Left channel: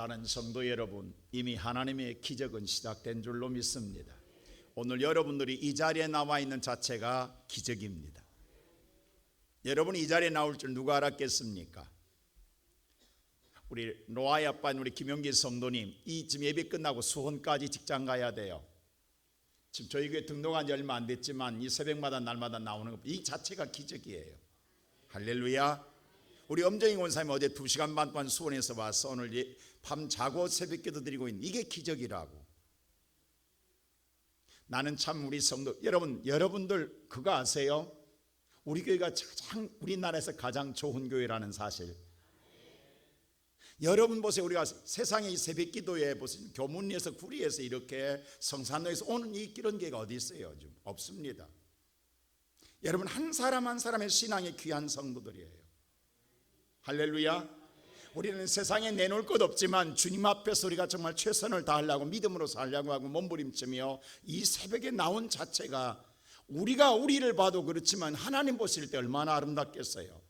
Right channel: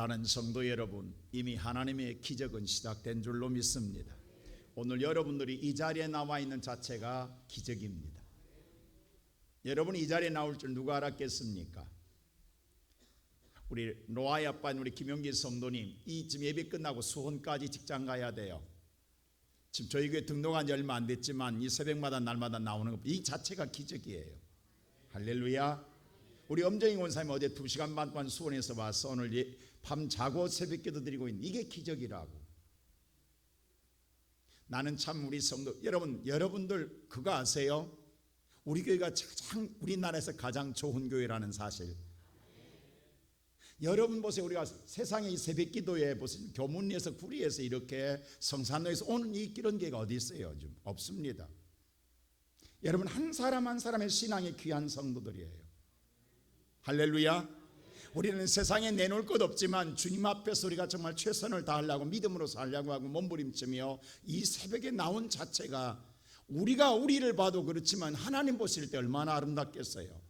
사랑하는 성도 여러분, 이미 하나님의 기적은 시작된 줄로 믿습니다. 오늘 여러분들이 이 자리에 나와 있는 자체가 기적입니다. 여러분이 이 자리에 나올 줄 누가 알았겠습니까? 우리 노아의 아빠인 우리 김용기 성도님, 이 지금 예배 끝나고 수원까지 직장 가야 돼요. 지금 저희 교회 등록한 지 얼마 안 됐지만 이 새벽마다 날마다 나오는 것, 이 자체가 기적이에요. 할렐루야. 우리 엄정희 권사님 어제 2시간 반 동안 수원에서 와서 오늘 밤 자고 새벽기도 드리고 있는, 이게 기적이라고. 나는 참 우리 성도 여러분들 그거 아세요? 우리 교회가 우리나라에서 가장 좋은 교회라는 사실. 여러분 보세요. 우리가 세상의 새벽기도에 무슨 교문리에서 구리에서 이렇게 성산로에서 오는 이런 교회가 어디 있어요? 요즘 없습니다. 여러분 한 사람 한 사람의 신앙의 귀한 성도들이에요. 할렐루야. 우리는 세상에 내놓을 것 없지만 주님 앞에서 우리가 정말 최선을 다하려고 믿음으로 살려고 하고 몸부림치며 이 새벽에 나온 자체가 우리가 우리를 봐도 그렇지만 하나님 보실 때 얼마나 아름답겠어요.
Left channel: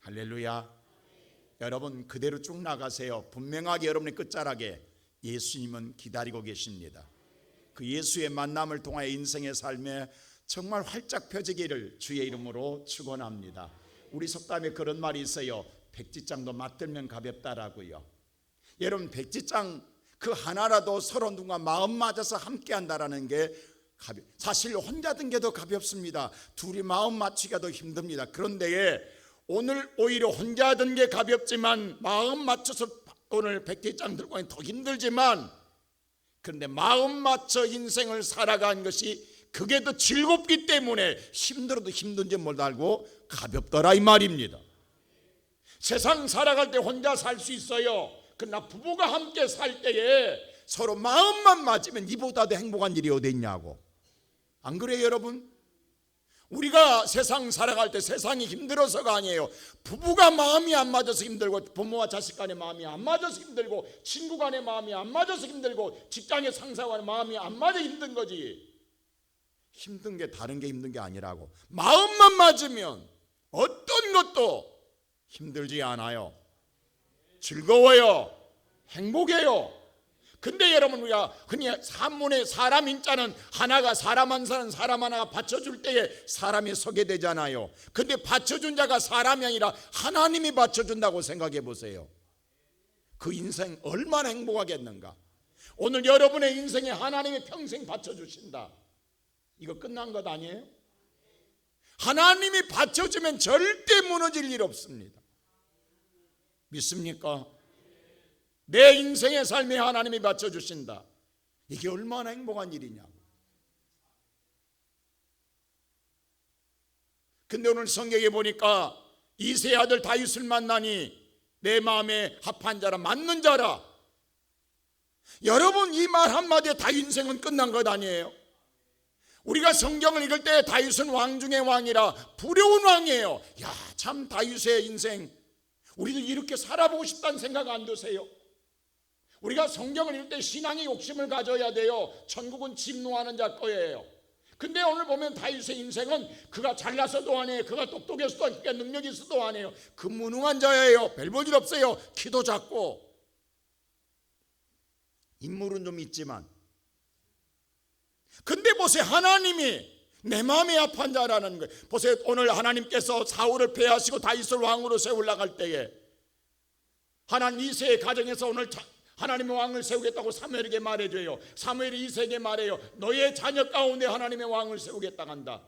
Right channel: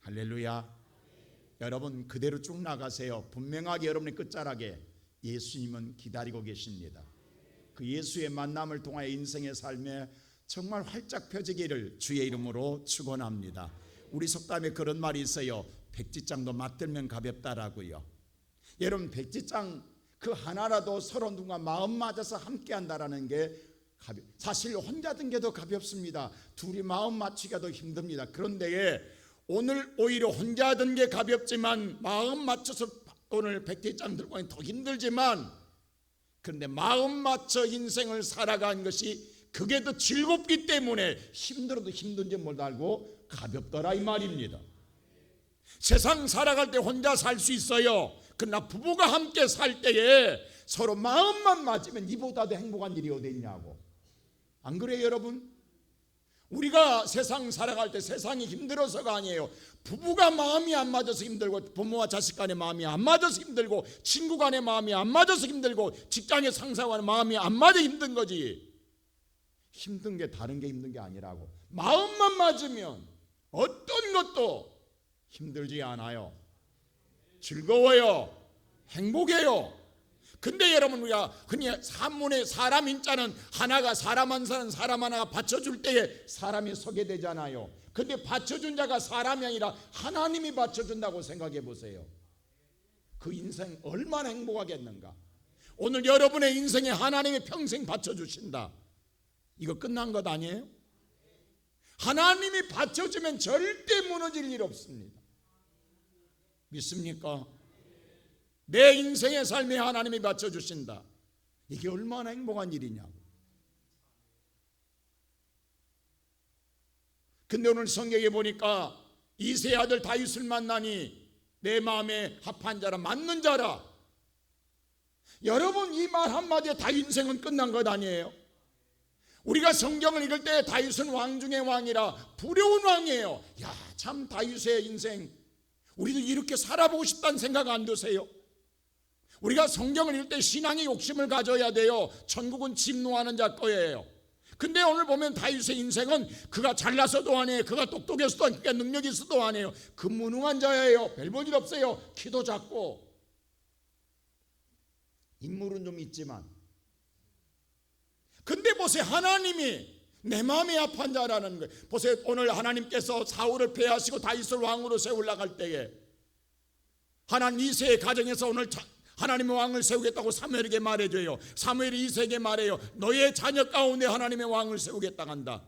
할렐루야. 여러분 그대로 쭉 나가세요. 분명하게 여러분의 끝자락에 예수님은 기다리고 계십니다. 그 예수의 만남을 통하여 인생의 삶에 정말 활짝 펴지기를 주의 이름으로 축원합니다. 우리 속담에 그런 말이 있어요. 백지장도 맞들면 가볍다라고요. 여러분 백지장 그 하나라도 서로 누군가 마음 맞아서 함께 한다라는 게 사실 혼자 든 게 더 가볍습니다. 둘이 마음 맞추기가 더 힘듭니다. 그런데 오늘 오히려 혼자 든 게 가볍지만 마음 맞춰서 오늘 백지장 들고 하기 더 힘들지만, 그런데 마음 맞춰 인생을 살아간 것이 그게 더 즐겁기 때문에 힘들어도 힘든지 못 알고 가볍더라 이 말입니다. 세상 살아갈 때 혼자 살 수 있어요. 그러나 부부가 함께 살 때에 서로 마음만 맞으면 이보다도 행복한 일이 어디 있냐고. 안 그래요 여러분? 우리가 세상 살아갈 때 세상이 힘들어서가 아니에요. 부부가 마음이 안 맞아서 힘들고, 부모와 자식 간의 마음이 안 맞아서 힘들고, 친구 간의 마음이 안 맞아서 힘들고, 직장의 상사와의 마음이 안 맞아 힘든 거지. 힘든 게 다른 게 힘든 게 아니라고. 마음만 맞으면 어떤 것도 힘들지 않아요. 즐거워요. 행복해요. 근데 여러분 우리가 그냥 산문에 사람 인자는 하나가 사람 한 사람 하나가 받쳐줄 때에 사람이 서게 되잖아요. 근데 받쳐준 자가 사람이 아니라 하나님이 받쳐준다고 생각해 보세요. 그 인생 얼마나 행복하겠는가. 오늘 여러분의 인생에 하나님이 평생 받쳐주신다. 이거 끝난 것 아니에요? 하나님이 받쳐주면 절대 무너질 일 없습니다. 믿습니까? 내 인생의 삶에 하나님이 받쳐주신다. 이게 얼마나 행복한 일이냐고. 근데 오늘 성경에 보니까 이새의 아들 다윗을 만나니 내 마음에 합한 자라, 맞는 자라. 여러분 이 말 한마디에 다윗 인생은 끝난 것 아니에요? 우리가 성경을 읽을 때 다윗은 왕 중의 왕이라 부려운 왕이에요. 야, 참 다윗의 인생, 우리를 이렇게 살아보고 싶다는 생각 안 드세요? 우리가 성경을 읽을 때 신앙의 욕심을 가져야 돼요. 천국은 진노하는 자 거예요. 근데 오늘 보면 다윗의 인생은 그가 잘나서도 아니에요. 그가 똑똑해서도 아니에요. 그가 능력이 있어도 아니에요. 그 무능한 자예요. 별 볼 일 없어요. 키도 작고. 인물은 좀 있지만. 근데 보세요. 하나님이 내 마음에 합한 자라는 거예요. 보세요. 오늘 하나님께서 사울을 패하시고 다윗을 왕으로 세우려고 때에 하나님 이새의 가정에서 오늘 하나님의 왕을 세우겠다고 사무엘에게 말해줘요. 사무엘이 이새에게 말해요. 너의 자녀 가운데 하나님의 왕을 세우겠다고 한다.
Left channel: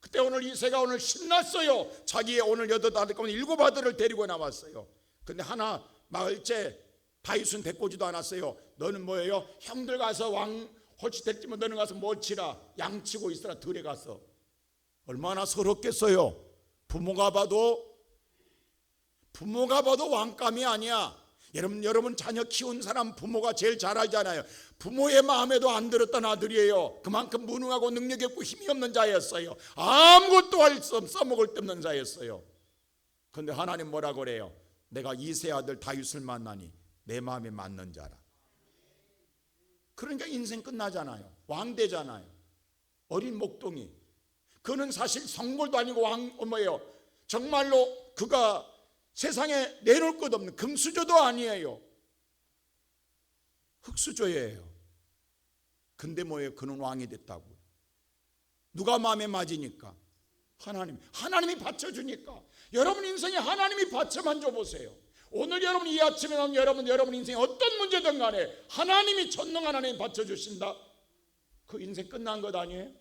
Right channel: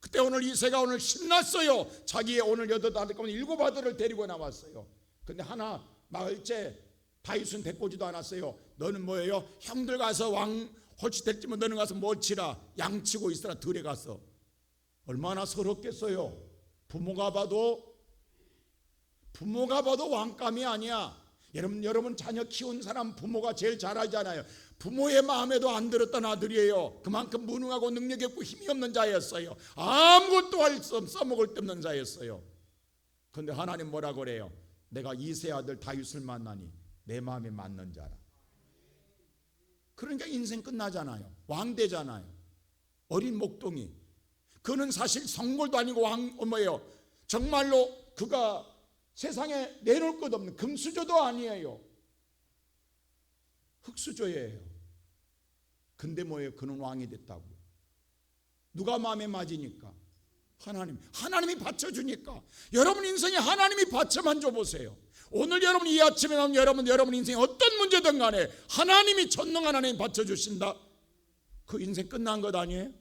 그때 오늘 이새가 오늘 신났어요. 자기의 오늘 8 아들 가운데 7 아들을 데리고 나왔어요. 근데 하나 마을째 다윗은 데리고지도 않았어요. 너는 뭐예요? 형들 가서 왕 홀치 됐지만 너는 가서 뭘 치라. 양 치고 있으라. 들에 가서. 얼마나 서럽겠어요. 부모가 봐도 왕감이 아니야. 여러분 자녀 키운 사람 부모가 제일 잘 알잖아요. 부모의 마음에도 안 들었던 아들이에요. 그만큼 무능하고 능력이 없고 힘이 없는 자였어요. 아무것도 할 수 없어 써먹을 데 없는 자였어요. 그런데 하나님 뭐라고 그래요? 내가 이새 아들 다윗을 만나니 내 마음에 맞는 자라. 그러니까 인생 끝나잖아요. 왕 되잖아요. 어린 목동이. 그는 사실 성골도 아니고 뭐예요? 정말로 그가 세상에 내놓을 것 없는 금수저도 아니에요. 흙수저예요. 근데 뭐예요? 그는 왕이 됐다고. 누가 마음에 맞으니까? 하나님이 받쳐주니까. 여러분 인생에 하나님이 받쳐만 줘보세요. 오늘 여러분 이 아침에 나온 여러분 인생에 어떤 문제든 간에 하나님이 전능한 하나님 받쳐주신다. 그 인생 끝난 것 아니에요?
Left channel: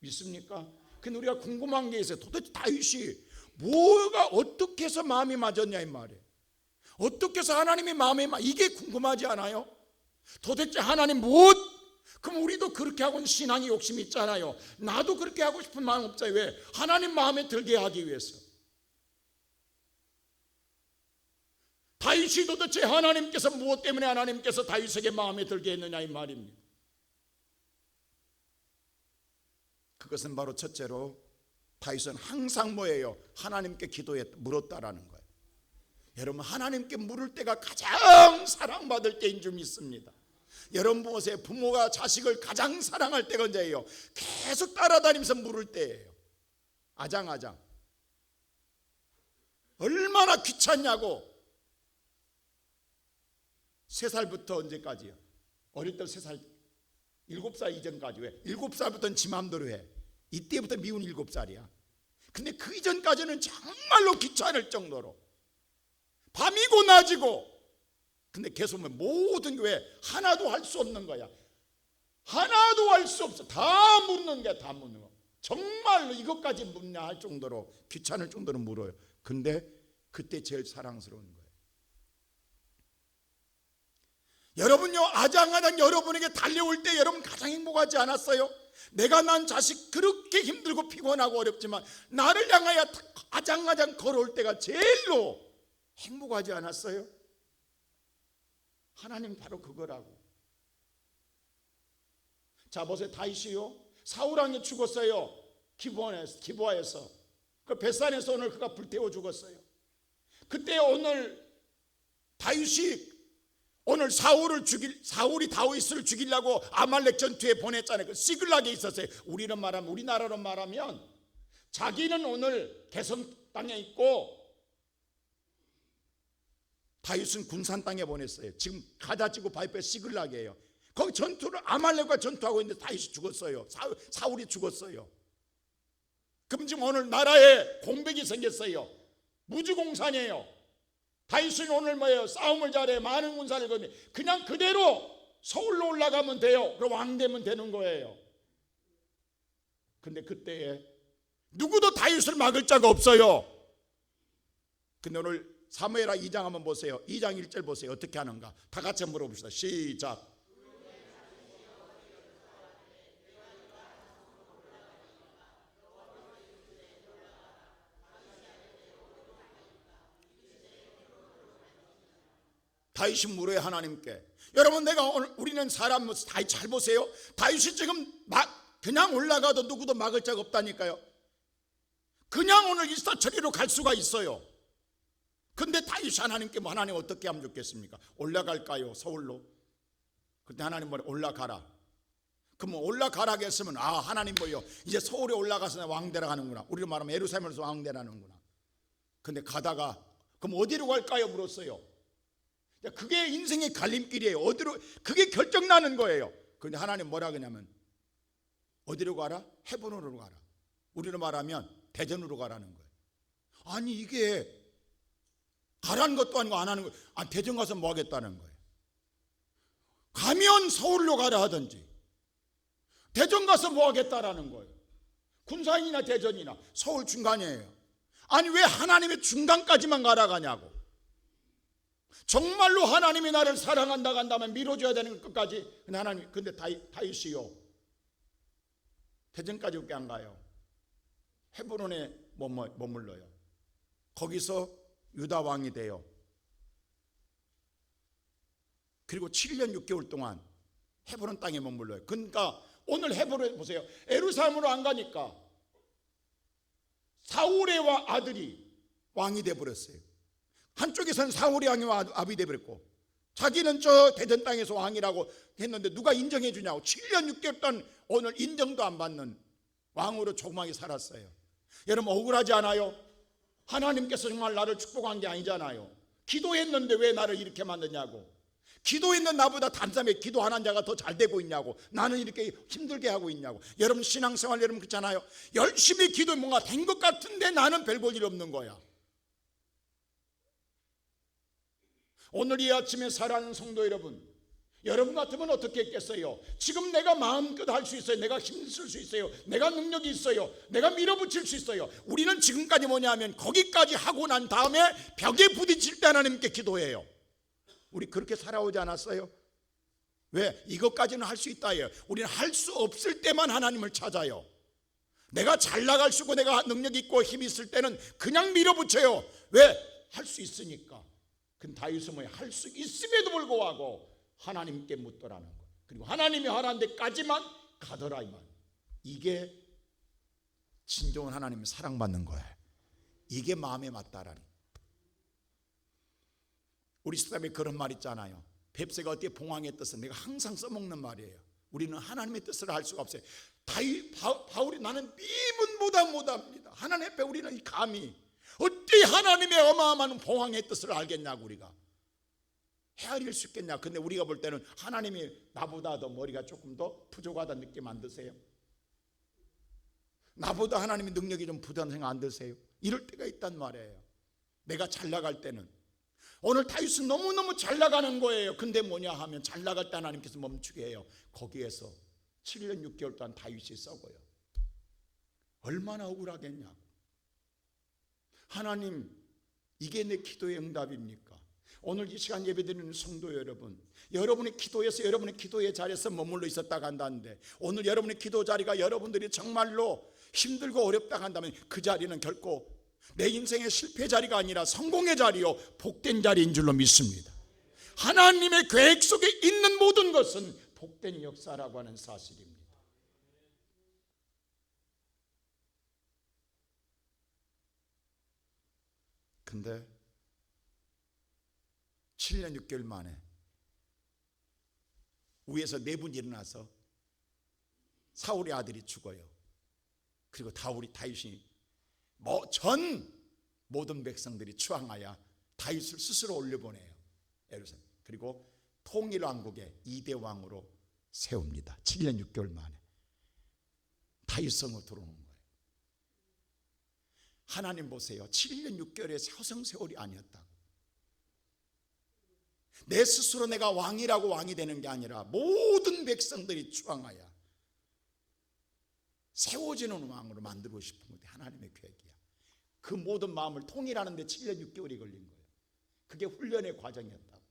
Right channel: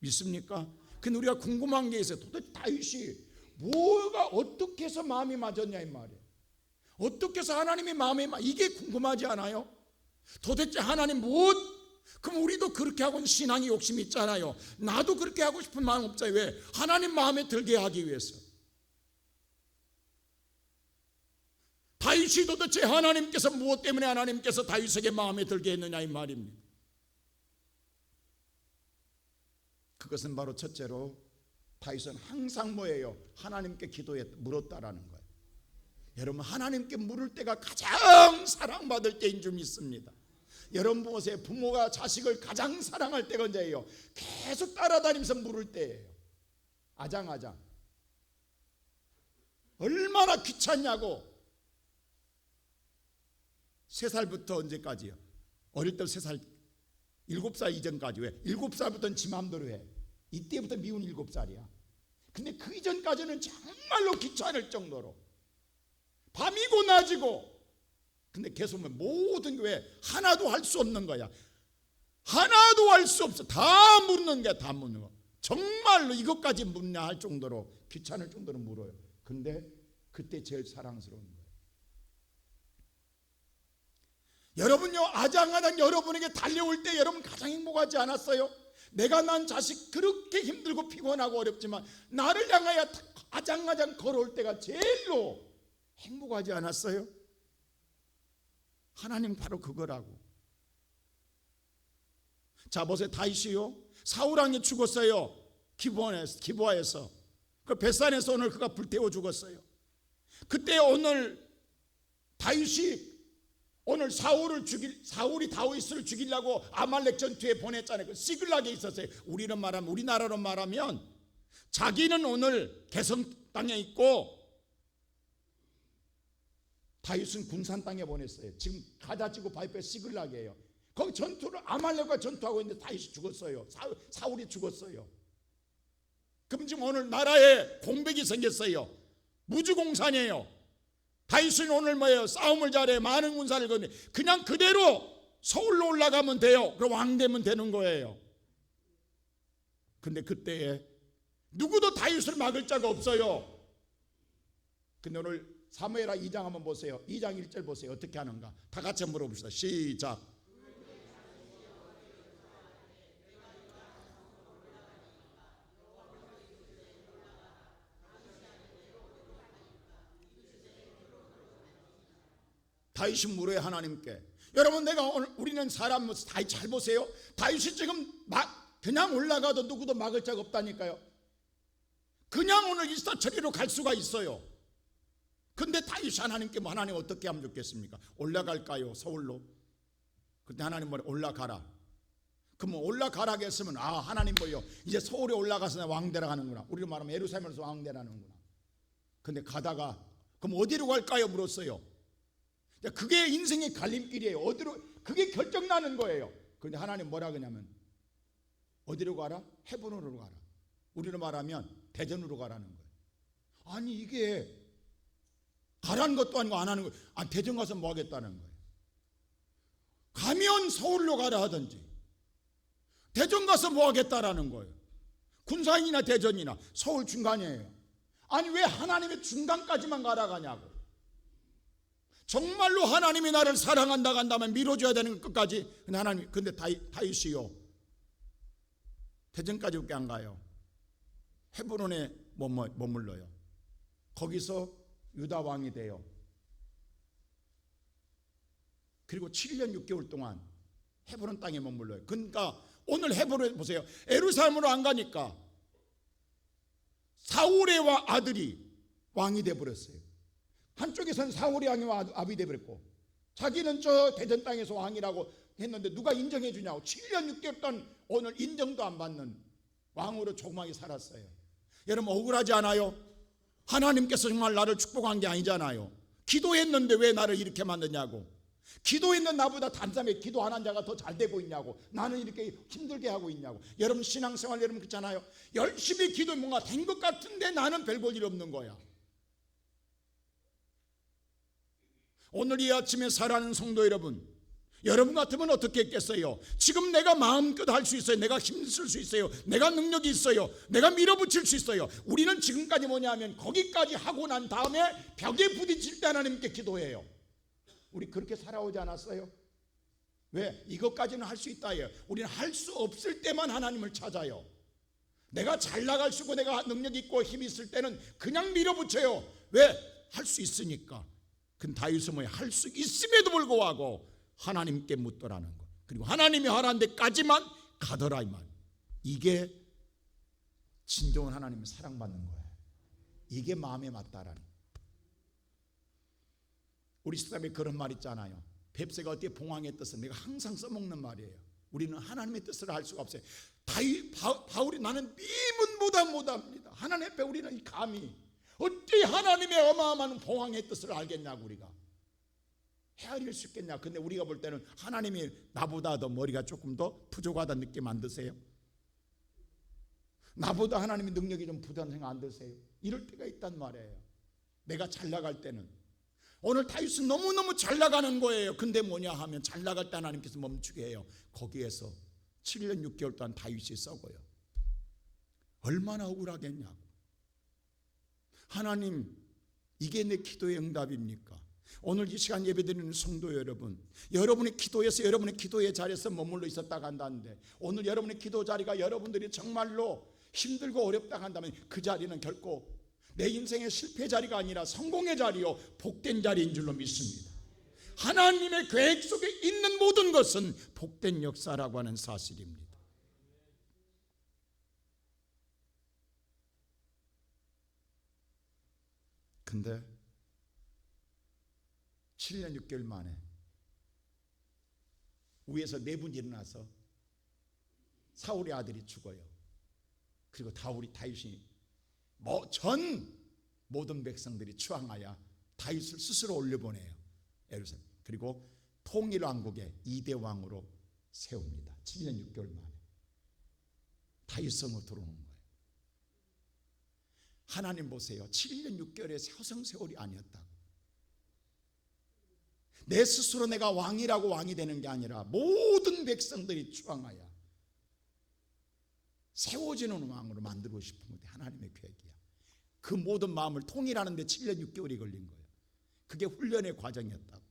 믿습니까? 근데 우리가 궁금한 게 있어요. 도대체 다윗이 뭐가 어떻게 해서 마음이 맞았냐 이 말이에요. 어떻게 해서 하나님의 마음에 이게 궁금하지 않아요? 도대체 하나님 그럼 우리도 그렇게 하고는 신앙의 욕심이 있잖아요. 나도 그렇게 하고 싶은 마음 없어요. 왜? 하나님 마음에 들게 하기 위해서. 다윗이 도대체 하나님께서 무엇 때문에 하나님께서 다윗에게 마음에 들게 했느냐 이 말입니다. 그것은 바로 첫째로 다윗은 항상 뭐예요? 하나님께 물었다라는 거예요. 여러분 하나님께 물을 때가 가장 사랑받을 때인 줄 믿습니다. 여러분 보세요. 부모가 자식을 가장 사랑할 때가 언제예요? 계속 따라다니면서 물을 때예요. 아장아장. 얼마나 귀찮냐고. 3살부터 언제까지요? 어릴 때 3살, 7살 이전까지. 왜? 7살부터는 지 마음대로 해. 이때부터 미운 7살이야. 근데 그 이전까지는 정말로 귀찮을 정도로 밤이고 낮이고. 근데 계속 모든 게 왜? 하나도 할 수 없는 거야. 하나도 할 수 없어. 다 묻는 게 다 묻는 거. 정말로 이것까지 묻냐 할 정도로 귀찮을 정도로 물어요. 근데 그때 제일 사랑스러운 거예요. 여러분요, 아장아장 여러분에게 달려올 때 여러분 가장 행복하지 않았어요? 내가 난 자식 그렇게 힘들고 피곤하고 어렵지만 나를 향하여 아장아장 걸어올 때가 제일로 행복하지 않았어요? 하나님 바로 그거라고. 자 보세요. 다윗이요, 사울 왕이 죽었어요. 기브아에서. 그 벳산에서 오늘 그가 불태워 죽었어요. 그때 오늘 다윗이 오늘 사울이 다윗을 죽이려고 아말렉 전투에 보냈잖아요. 그 시글락에 있었어요. 우리나라로 말하면 자기는 오늘 개성 땅에 있고 다윗은 군산 땅에 보냈어요. 지금 가다지구 바이페 시글락이에요. 거기 아말렉과 전투하고 있는데 다윗이 죽었어요. 사울이 죽었어요. 그럼 지금 오늘 나라에 공백이 생겼어요. 무주공산이에요. 다윗은 오늘 뭐예요? 싸움을 잘해. 많은 군사를 거네. 그냥 그대로 서울로 올라가면 돼요. 그럼 왕 되면 되는 거예요. 근데 그때에 누구도 다윗을 막을 자가 없어요. 근데 오늘 사무엘하 2장 한번 보세요. 2장 1절 보세요. 어떻게 하는가? 다 같이 한번 물어봅시다. 시작. 다윗이 물어요 하나님께. 여러분 우리는 사람 다윗 잘 보세요. 다윗이 지금 그냥 올라가도 누구도 막을 자가 없다니까요. 그냥 오늘 일사천리로 갈 수가 있어요. 근데 다윗이 하나님께 하나님 어떻게 하면 좋겠습니까? 올라갈까요? 서울로? 근데 하나님 뭐래? 올라가라. 그럼 올라가라 했으면 하나님 뭐요? 이제 서울에 올라가서 왕되라 하는구나. 우리가 말하면 예루살렘에서 왕되라는구나. 근데 가다가 그럼 어디로 갈까요? 물었어요. 그게 인생의 갈림길이에요. 어디로? 그게 결정나는 거예요. 그런데 하나님 뭐라 그러냐면 어디로 가라? 헤브론으로 가라. 우리로 말하면 대전으로 가라는 거예요. 아니 이게 가라는 것도 아니고 안 하는 거예요. 대전 가서 뭐 하겠다는 거예요. 가면 서울로 가라 하든지 대전 가서 뭐 하겠다라는 거예요. 군산이나 대전이나 서울 중간이에요. 아니 왜 하나님의 중간까지만 가라 가냐고. 정말로 하나님이 나를 사랑한다고 한다면 밀어줘야 되는 끝까지. 근데 다윗이요, 대전까지밖에 안 가요. 헤브론에 머물러요. 거기서 유다 왕이 돼요. 그리고 7년 6개월 동안 헤브론 땅에 머물러요. 그러니까 오늘 헤브론 보세요. 예루살렘으로 안 가니까 사울의 아들이 왕이 돼버렸어요. 한쪽에서는 사울이 왕이 돼버렸고 자기는 저 대전 땅에서 왕이라고 했는데 누가 인정해 주냐고. 7년 6개월 동안 오늘 인정도 안 받는 왕으로 조그맣게 살았어요. 여러분 억울하지 않아요? 하나님께서 정말 나를 축복한 게 아니잖아요. 기도했는데 왜 나를 이렇게 만드냐고. 기도했는 나보다 단숨에 기도 안 한 자가 더 잘 되고 있냐고. 나는 이렇게 힘들게 하고 있냐고. 여러분 신앙생활 여러분 그렇잖아요. 열심히 기도 뭔가 된 것 같은데 나는 별 볼 일 없는 거야. 오늘 이 아침에 살아가는 성도 여러분 같으면 어떻게 했겠어요? 지금 내가 마음껏 할 수 있어요. 내가 힘쓸 수 있어요. 내가 능력이 있어요. 내가 밀어붙일 수 있어요. 우리는 지금까지 뭐냐면 거기까지 하고 난 다음에 벽에 부딪힐 때 하나님께 기도해요. 우리 그렇게 살아오지 않았어요? 왜? 이것까지는 할 수 있다예요. 우리는 할 수 없을 때만 하나님을 찾아요. 내가 잘 나갈 수 있고 내가 능력 있고 힘이 있을 때는 그냥 밀어붙여요. 왜? 할 수 있으니까. 근데 다윗은 뭐예요? 할 수 있음에도 불구하고 하나님께 묻더라는 거. 그리고 하나님이 하라는 데까지만 가더라 이 말. 이게 진정한 하나님의 사랑받는 거예요. 이게 마음에 맞다라는 거예요. 우리 시대에 그런 말 있잖아요. 뱁새가 어떻게 봉황의 뜻을 내가 항상 써먹는 말이에요. 우리는 하나님의 뜻을 알 수가 없어요. 바울이 나는 미문보다 못합니다. 하나님 앞에 우리는 이 감히 어찌 하나님의 어마어마한 봉황의 뜻을 알겠냐고. 우리가 헤아릴 수 있겠냐. 근데 우리가 볼 때는 하나님이 나보다 더 머리가 조금 더 부족하다는 느낌 안 드세요? 나보다 하나님의 능력이 좀 부족한 생각 안 드세요? 이럴 때가 있단 말이에요. 내가 잘 나갈 때는. 오늘 다윗은 너무너무 잘 나가는 거예요. 근데 뭐냐 하면 잘 나갈 때 하나님께서 멈추게 해요. 거기에서 7년 6개월 동안 다윗이 썩어요. 얼마나 억울하겠냐고. 하나님, 이게 내 기도의 응답입니까? 오늘 이 시간 예배드리는 성도 여러분, 여러분의 기도에서 여러분의 기도의 자리에서 머물러 있었다가 한다는데, 오늘 여러분의 기도 자리가 여러분들이 정말로 힘들고 어렵다고 한다면 그 자리는 결코 내 인생의 실패 자리가 아니라 성공의 자리요, 복된 자리인 줄로 믿습니다. 하나님의 계획 속에 있는 모든 것은 복된 역사라고 하는 사실입니다. 근데 7년 6개월 만에 위에서 내분이 일어나서 사울의 아들이 죽어요. 그리고 다윗이 전 모든 백성들이 추앙하여 다윗을 스스로 올려보내요. 예루살렘. 그리고 통일왕국의 2대 왕으로 세웁니다. 7년 6개월 만에 다윗성으로 들어오는 거예요. 하나님 보세요. 7년 6개월의 서성세월이 아니었다고. 내 스스로 내가 왕이라고 왕이 되는 게 아니라 모든 백성들이 추앙하여 세워지는 왕으로 만들고 싶은 것이 하나님의 계획이야. 그 모든 마음을 통일하는 데 7년 6개월이 걸린 거예요. 그게 훈련의 과정이었다고.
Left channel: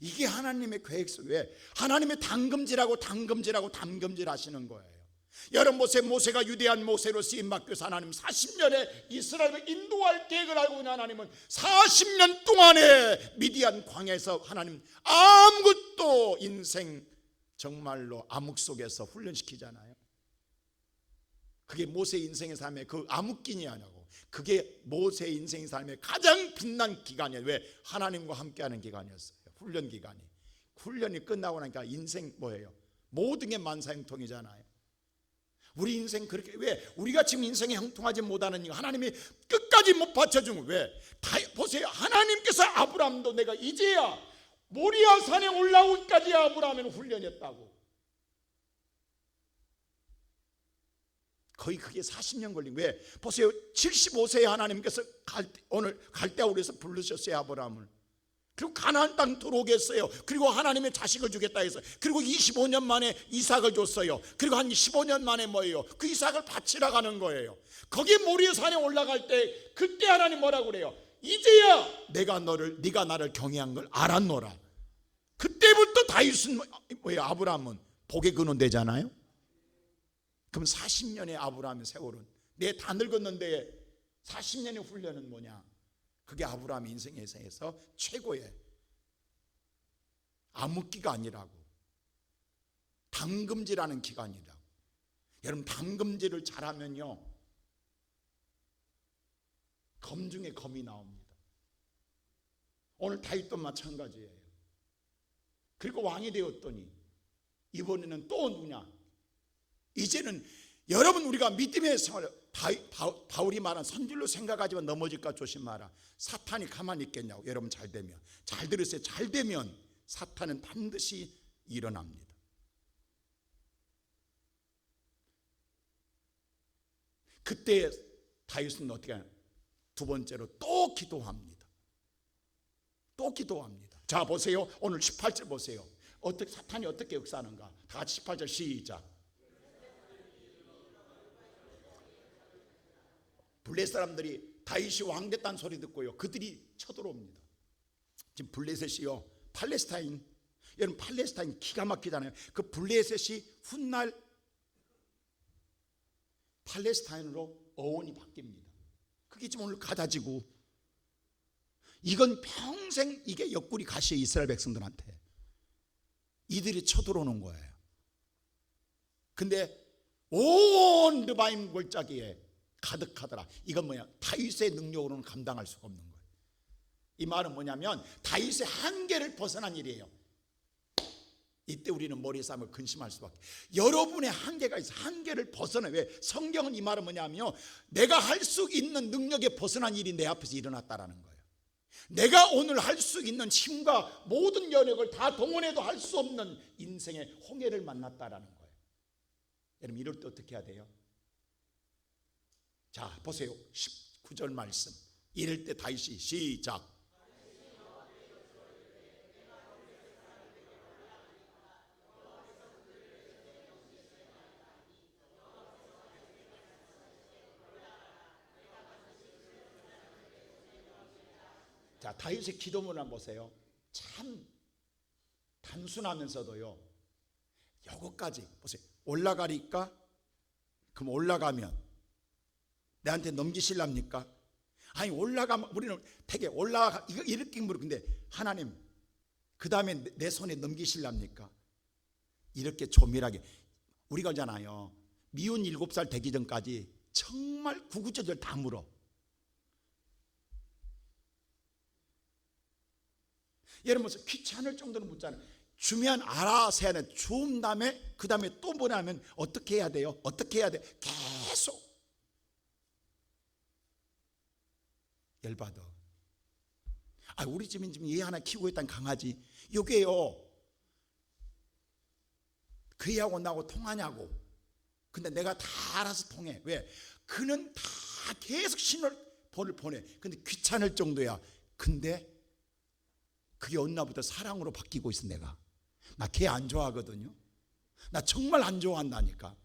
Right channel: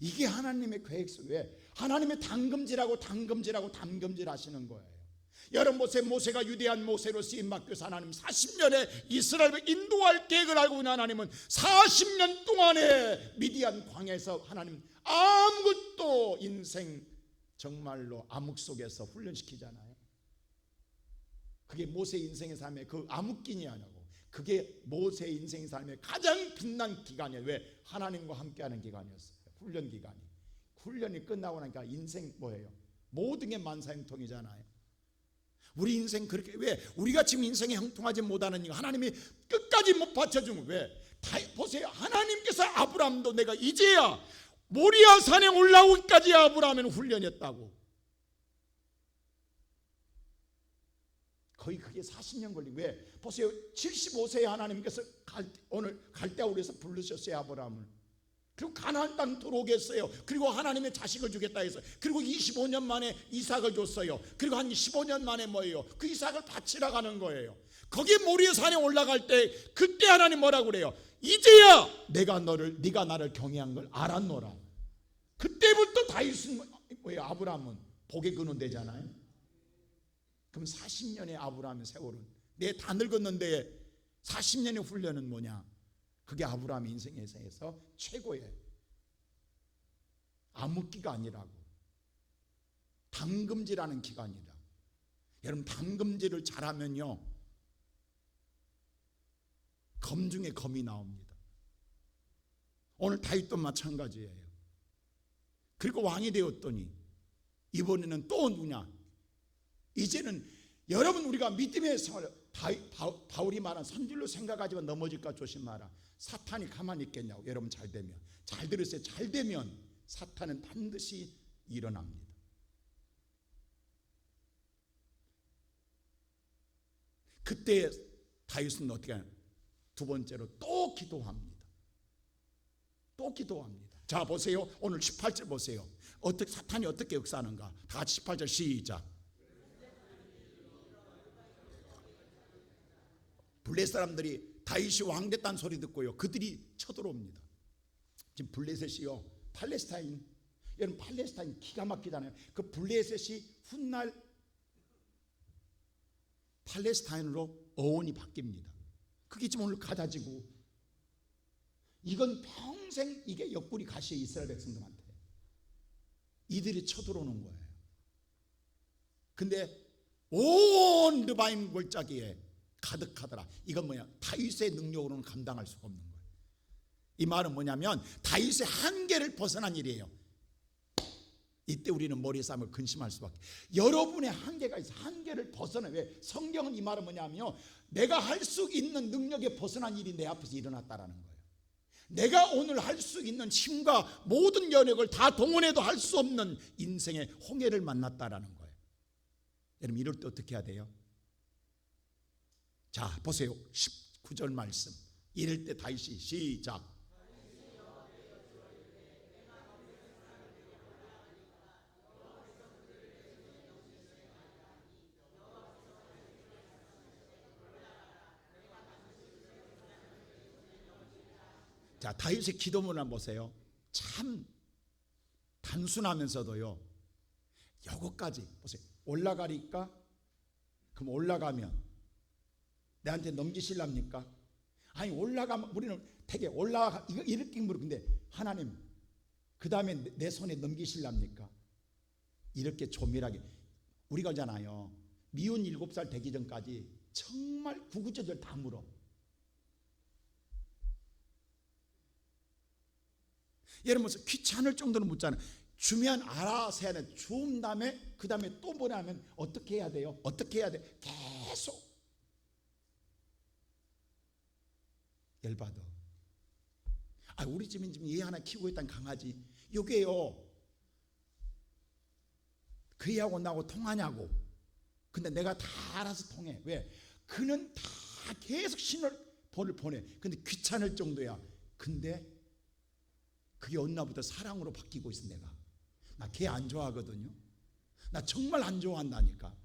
이게 하나님의 계획 속에 하나님의 당금질하고 하시는 거예요. 여러분 보세요. 모세가 유대한 모세로 쓰임받고서 하나님 40년에 이스라엘을 인도할 계획을 알고 있는 하나님은 40년 동안에 미디안 광야에서 하나님 아무것도 인생 정말로 암흑 속에서 훈련시키잖아요. 그게 모세 인생의 삶의 그 암흑기니 아니고, 그게 모세 인생의 삶의 가장 빛난 기간이에요. 왜? 하나님과 함께하는 기간이었어요. 훈련 기간이. 훈련이 끝나고 나니까 인생 뭐예요? 모든 게 만사형통이잖아요. 우리 인생 그렇게, 왜? 우리가 지금 인생에 형통하지 못하는 이유, 하나님이 끝까지 못 받쳐준 거. 왜? 보세요. 하나님께서 아브라함도 내가 이제야 모리아 산에 올라오기까지 아브라함은 훈련했다고. 거의 그게 40년 걸린. 왜? 보세요. 75세에 하나님께서 오늘 갈대아우르에서 부르셨어요, 아브라함을. 그리고 가나안 땅 들어오게 했어요. 그리고 하나님의 자식을 주겠다 해서, 그리고 25년 만에 이삭을 줬어요. 그리고 한 15년 만에 뭐예요? 그 이삭을 바치러 가는 거예요. 거기 모리아 산에 올라갈 때 그때 하나님 뭐라고 그래요? 이제야 네가 나를 경외한 걸 알았노라. 그때부터 다윗은 뭐예요? 아브라함은 복의 근원 되잖아요. 그럼 40년의 아브라함의 세월은, 내 다 늙었는데 40년의 훈련은 뭐냐? 그게 아브라함의 인생에서 최고의 암흑기가 아니라고. 당금질하는 기간이라고. 여러분, 당금질을 잘하면요, 검 중에 검이 나옵니다. 오늘 다윗도 마찬가지예요. 그리고 왕이 되었더니 이번에는 또 누구냐? 이제는 여러분, 우리가 믿음의 생활을 바울이 말한 선질로 생각하지만 넘어질까 조심하라. 사탄이 가만히 있겠냐고. 여러분 잘 되면, 잘 들으세요. 잘 되면 사탄은 반드시 일어납니다. 그때 다윗은 어떻게 하냐? 두 번째로 또 기도합니다. 또 기도합니다. 자 보세요. 오늘 18절 보세요. 사탄이 어떻게 역사하는가. 다 같이 18절 시작. 블레셋 사람들이 다윗이 왕 됐다는 소리 듣고요, 그들이 쳐들어옵니다. 지금 블레셋이요, 팔레스타인, 여러분 팔레스타인 기가 막히잖아요. 그 블레셋이 훗날 팔레스타인으로 어원이 바뀝니다. 그게 지금 오늘 가다지고, 이건 평생 이게 옆구리 가시에 이스라엘 백성들한테 이들이 쳐들어오는 거예요. 근데 온 르바임 골짜기에 가득하더라. 이건 뭐야? 다윗의 능력으로는 감당할 수가 없는 거예요. 이 말은 뭐냐면 다윗의 한계를 벗어난 일이에요. 이때 우리는 머리에 싸움을 근심할 수밖에. 여러분의 한계가 있어. 한계를 벗어나. 왜? 성경은 이 말은 뭐냐면요, 내가 할 수 있는 능력에 벗어난 일이 내 앞에서 일어났다라는 거예요. 내가 오늘 할 수 있는 힘과 모든 여력을 다 동원해도 할 수 없는 인생의 홍해를 만났다라는 거예요. 여러분 이럴 때 어떻게 해야 돼요? 자 보세요. 19절 말씀. 이럴 때 다윗이 시작. 자 다윗의 기도문을 한번 보세요. 참 단순하면서도요, 요거까지 보세요. 올라가리까? 그럼 올라가면 내한테 넘기실랍니까? 아니 올라가면 우리는 되게 올라가 이렇게 물어. 근데 하나님 그 다음에 내 손에 넘기실랍니까? 이렇게 조밀하게. 우리가 알잖아요, 미운 7살 되기 전까지 정말 구구절절 다 물어. 여러분 귀찮을 정도로 묻잖아요. 주면 알아서 해야 돼. 주운 다음에 그 다음에 또 뭐냐면 어떻게 해야 돼요? 어떻게 해야 돼? 계속 열받아. 우리 집은 지금 얘 하나 키우고 있다는 강아지, 요게요 그 애하고 나하고 통하냐고. 근데 내가 다 알아서 통해. 왜? 그는 다 계속 신호를 보내. 근데 귀찮을 정도야. 근데 그게 어느 날부터 사랑으로 바뀌고 있어. 내가 나 걔 안 좋아하거든요. 나 정말 안 좋아한다니까.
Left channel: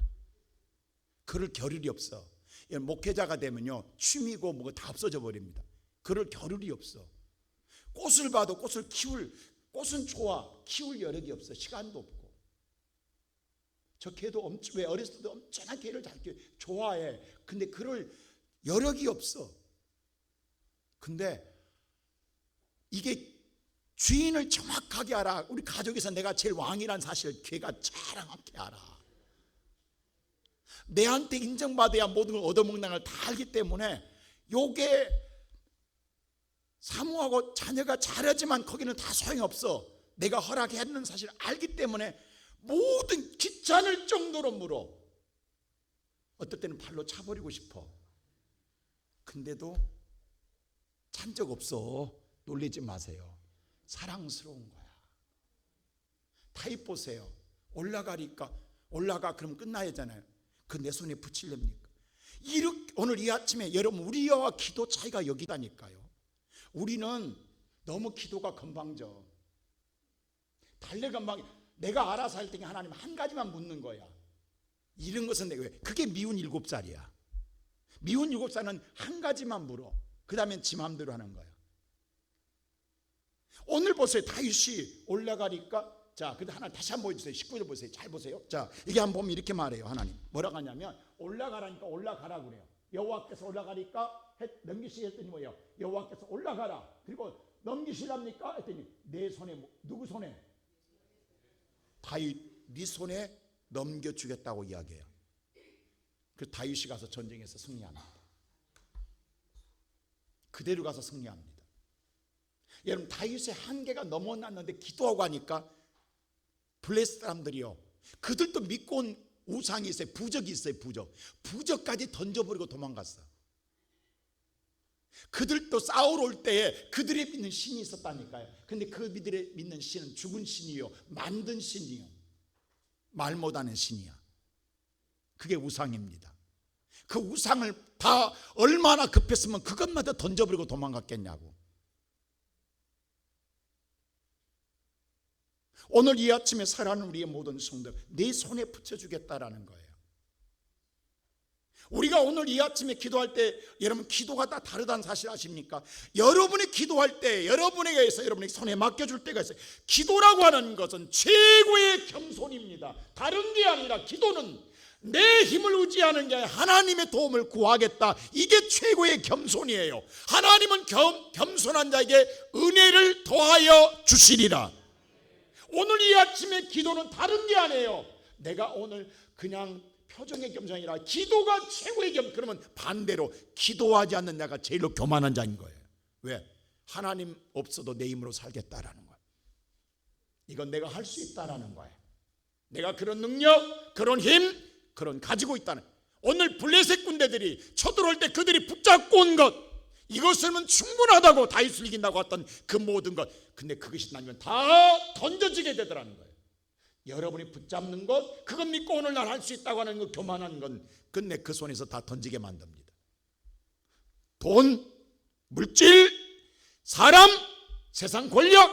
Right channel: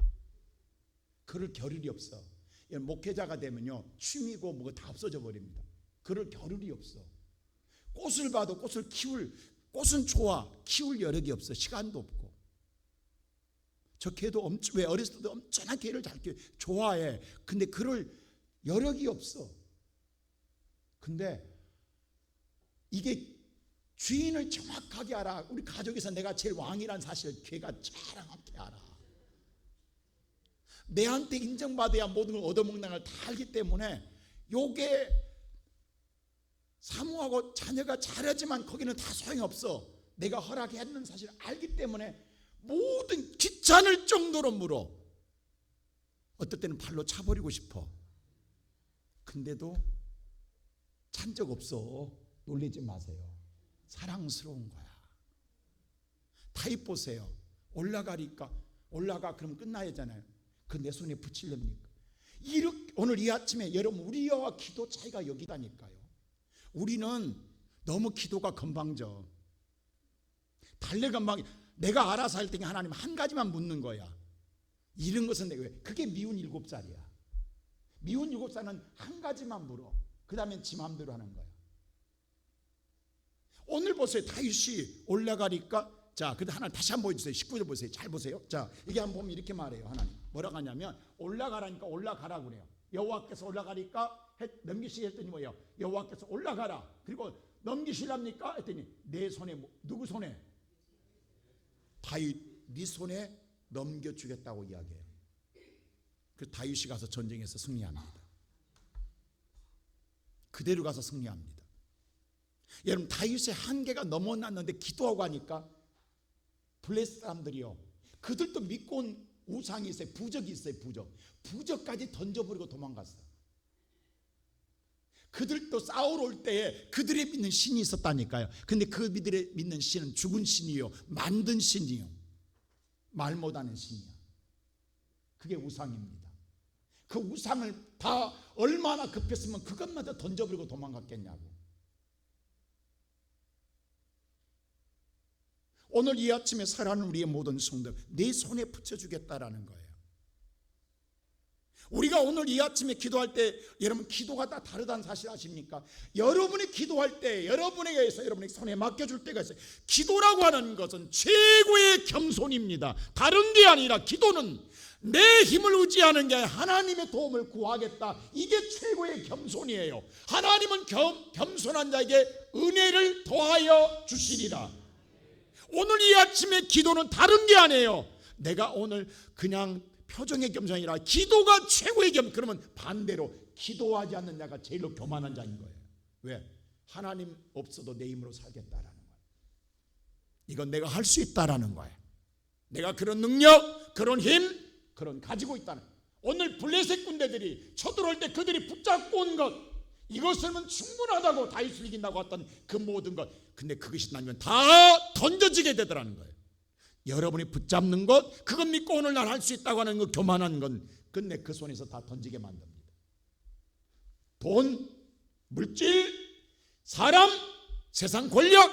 그럴 겨를이 없어. 목회자가 되면요, 취미고 뭐가 다 없어져 버립니다. 그럴 겨를이 없어. 꽃을 봐도 꽃은 좋아, 키울 여력이 없어. 시간도 없고. 저 걔도 왜 어렸을 때도 엄청난 걔를 잘 좋아해. 근데 그럴 여력이 없어. 근데 이게 주인을 정확하게 알아. 우리 가족에서 내가 제일 왕이라는 사실을 걔가 자랑하게 알아. 내한테 인정받아야 모든 걸 얻어먹는 걸 다 알기 때문에 요게 사모하고 자녀가 잘하지만 거기는 다 소용없어. 내가 허락했는 사실을 알기 때문에 모든 귀찮을 정도로 물어. 어떨 때는 발로 차버리고 싶어. 근데도 찬 적 없어. 놀리지 마세요. 사랑스러운 거야. 다윗 보세요. 올라가리까? 올라가 그럼 끝나야잖아요. 그 내 손에 붙이렵니까? 오늘 이 아침에 여러분 우리와 기도 차이가 여기다니까요. 우리는 너무 기도가 건방져. 달래건방. 내가 알아서 할 때는 하나님 한 가지만 묻는 거야. 이런 것은 내가 왜? 그게 미운 7살이야. 미운 7살은 한 가지만 물어. 그 다음엔 지 마음대로 하는 거야. 오늘 보세요. 다윗이 올라가니까, 자, 근데 하나 다시 한번 보여주세요. 19절 보세요. 잘 보세요. 자, 이게 한번 보면 이렇게 말해요. 하나님 뭐라고 하냐면 올라가라니까 올라가라 그래요. 여호와께서 올라가니까 넘기시게 했더니 뭐예요? 여호와께서 올라가라. 그리고 넘기실랍니까? 했더니 내 손에, 누구 손에? 다윗 네 손에 넘겨주겠다고 이야기해요. 그 다윗이 가서 전쟁에서 승리합니다. 그대로 가서 승리합니다. 여러분 다윗의 한계가 넘어났는데 기도하고 하니까 블레셋 사람들이요, 그들도 믿고 온 우상이 있어요. 부적이 있어요. 부적까지 던져버리고 도망갔어. 그들도 싸우러 올 때에 그들의 믿는 신이 있었다니까요. 근데 그들의 믿는 신은 죽은 신이요, 만든 신이요, 말 못하는 신이야. 그게 우상입니다. 그 우상을 다 얼마나 급했으면 그것마다 던져버리고 도망갔겠냐고. 오늘 이 아침에 살아가는 우리의 모든 성도들, 내 손에 붙여주겠다라는 거예요. 우리가 오늘 이 아침에 기도할 때, 여러분 기도가 다 다르다는 사실 아십니까? 여러분이 기도할 때 여러분에게 의해서 여러분의 손에 맡겨줄 때가 있어요. 기도라고 하는 것은 최고의 겸손입니다. 다른 게 아니라 기도는 내 힘을 의지하는 게 아니라 하나님의 도움을 구하겠다. 이게 최고의 겸손이에요. 하나님은 겸손한 자에게 은혜를 더하여 주시리라. 오늘 이 아침에 기도는 다른 게 아니에요. 내가 오늘 그냥 표정의 겸손이 아니라 기도가 최고의 겸손. 그러면 반대로 기도하지 않는 자가 제일로 교만한 자인 거예요. 왜? 하나님 없어도 내 힘으로 살겠다라는 거예요. 이건 내가 할 수 있다라는 거예요. 내가 그런 능력, 그런 힘, 그런 가지고 있다는. 오늘 블레셋 군대들이 쳐들어올 때 그들이 붙잡고 온 것, 이것이면 충분하다고 다윗을 이긴다고 했던 그 모든 것, 근데 그것이 나면 다 던져지게 되더라는 거예요. 여러분이 붙잡는 것, 그것 믿고 오늘날 할 수 있다고 하는 그 교만한 건 끝내 그 손에서 다 던지게 만듭니다. 돈, 물질, 사람, 세상 권력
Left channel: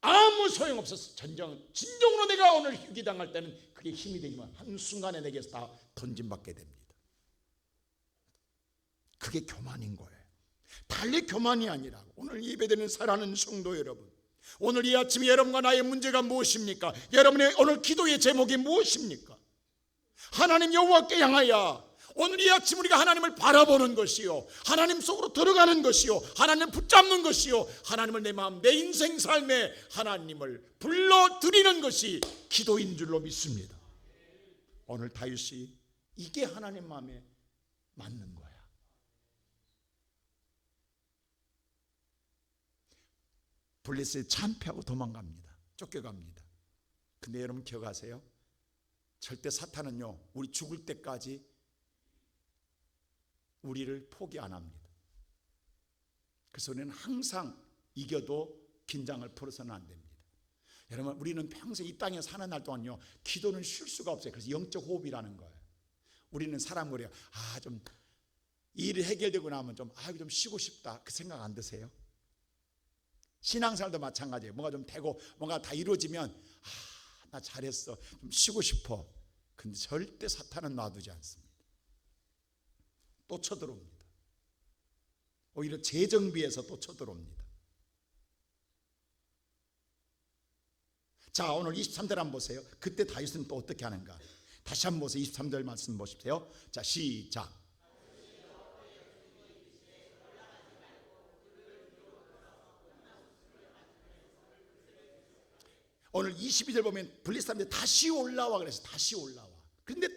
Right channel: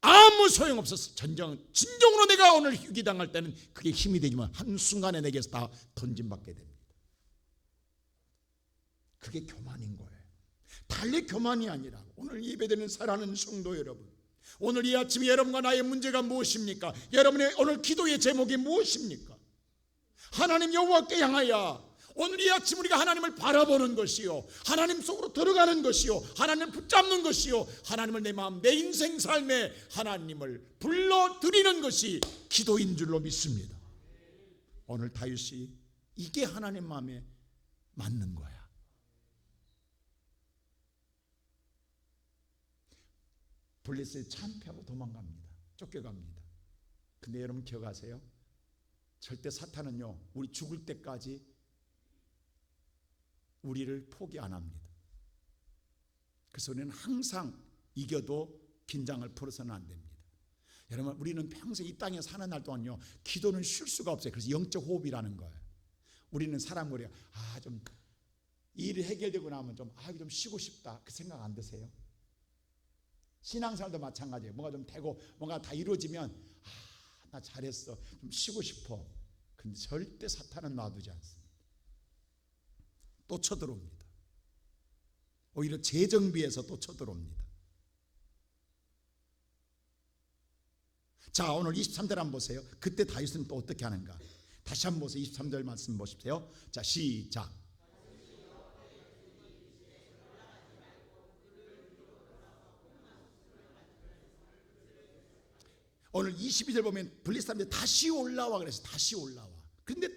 아무 소용없어서 진정으로 내가 오늘 희귀당할 때는 그게 힘이 되지만 한순간에 내게서 다 던짐받게 됩니다. 그게 교만인 거예요. 달리 교만이 아니라 오늘 예배드리는 사랑하는 성도 여러분, 오늘 이 아침에 여러분과 나의 문제가 무엇입니까? 여러분의 오늘 기도의 제목이 무엇입니까? 하나님 여호와께 향하여 오늘 이 아침 우리가 하나님을 바라보는 것이요, 하나님 속으로 들어가는 것이요, 하나님을 붙잡는 것이요, 하나님을 내 마음 내 인생 삶에 하나님을 불러드리는 것이 기도인 줄로 믿습니다. 오늘 다윗이 이게 하나님 마음에 맞는 거야. 블레셋을 참패하고 도망갑니다. 쫓겨갑니다. 근데 여러분 기억하세요? 절대 사탄은요, 우리 죽을 때까지 우리를 포기 안 합니다. 그래서 우리는 항상 이겨도 긴장을 풀어서는 안 됩니다. 여러분, 우리는 평생 이 땅에 사는 날 동안요, 기도는 쉴 수가 없어요. 그래서 영적 호흡이라는 거예요. 우리는 사람 그래요. 좀 일이 해결되고 나면 좀 쉬고 싶다, 그 생각 안 드세요? 신앙생활도 마찬가지예요. 뭔가 좀 되고 뭔가 다 이루어지면 나 잘했어, 좀 쉬고 싶어. 근데 절대 사탄은 놔두지 않습니다. 또 쳐들어옵니다. 오히려 재정비해서 또 쳐들어옵니다. 자, 오늘 23절 한번 보세요. 그때 다윗은 또 어떻게 하는가? 다시 한번 보세요. 23절 말씀 보십시오. 자, 시작. 오늘 22절 보면 블레셋 사람들이 다시 올라와 그래서 다시 올라와. 근데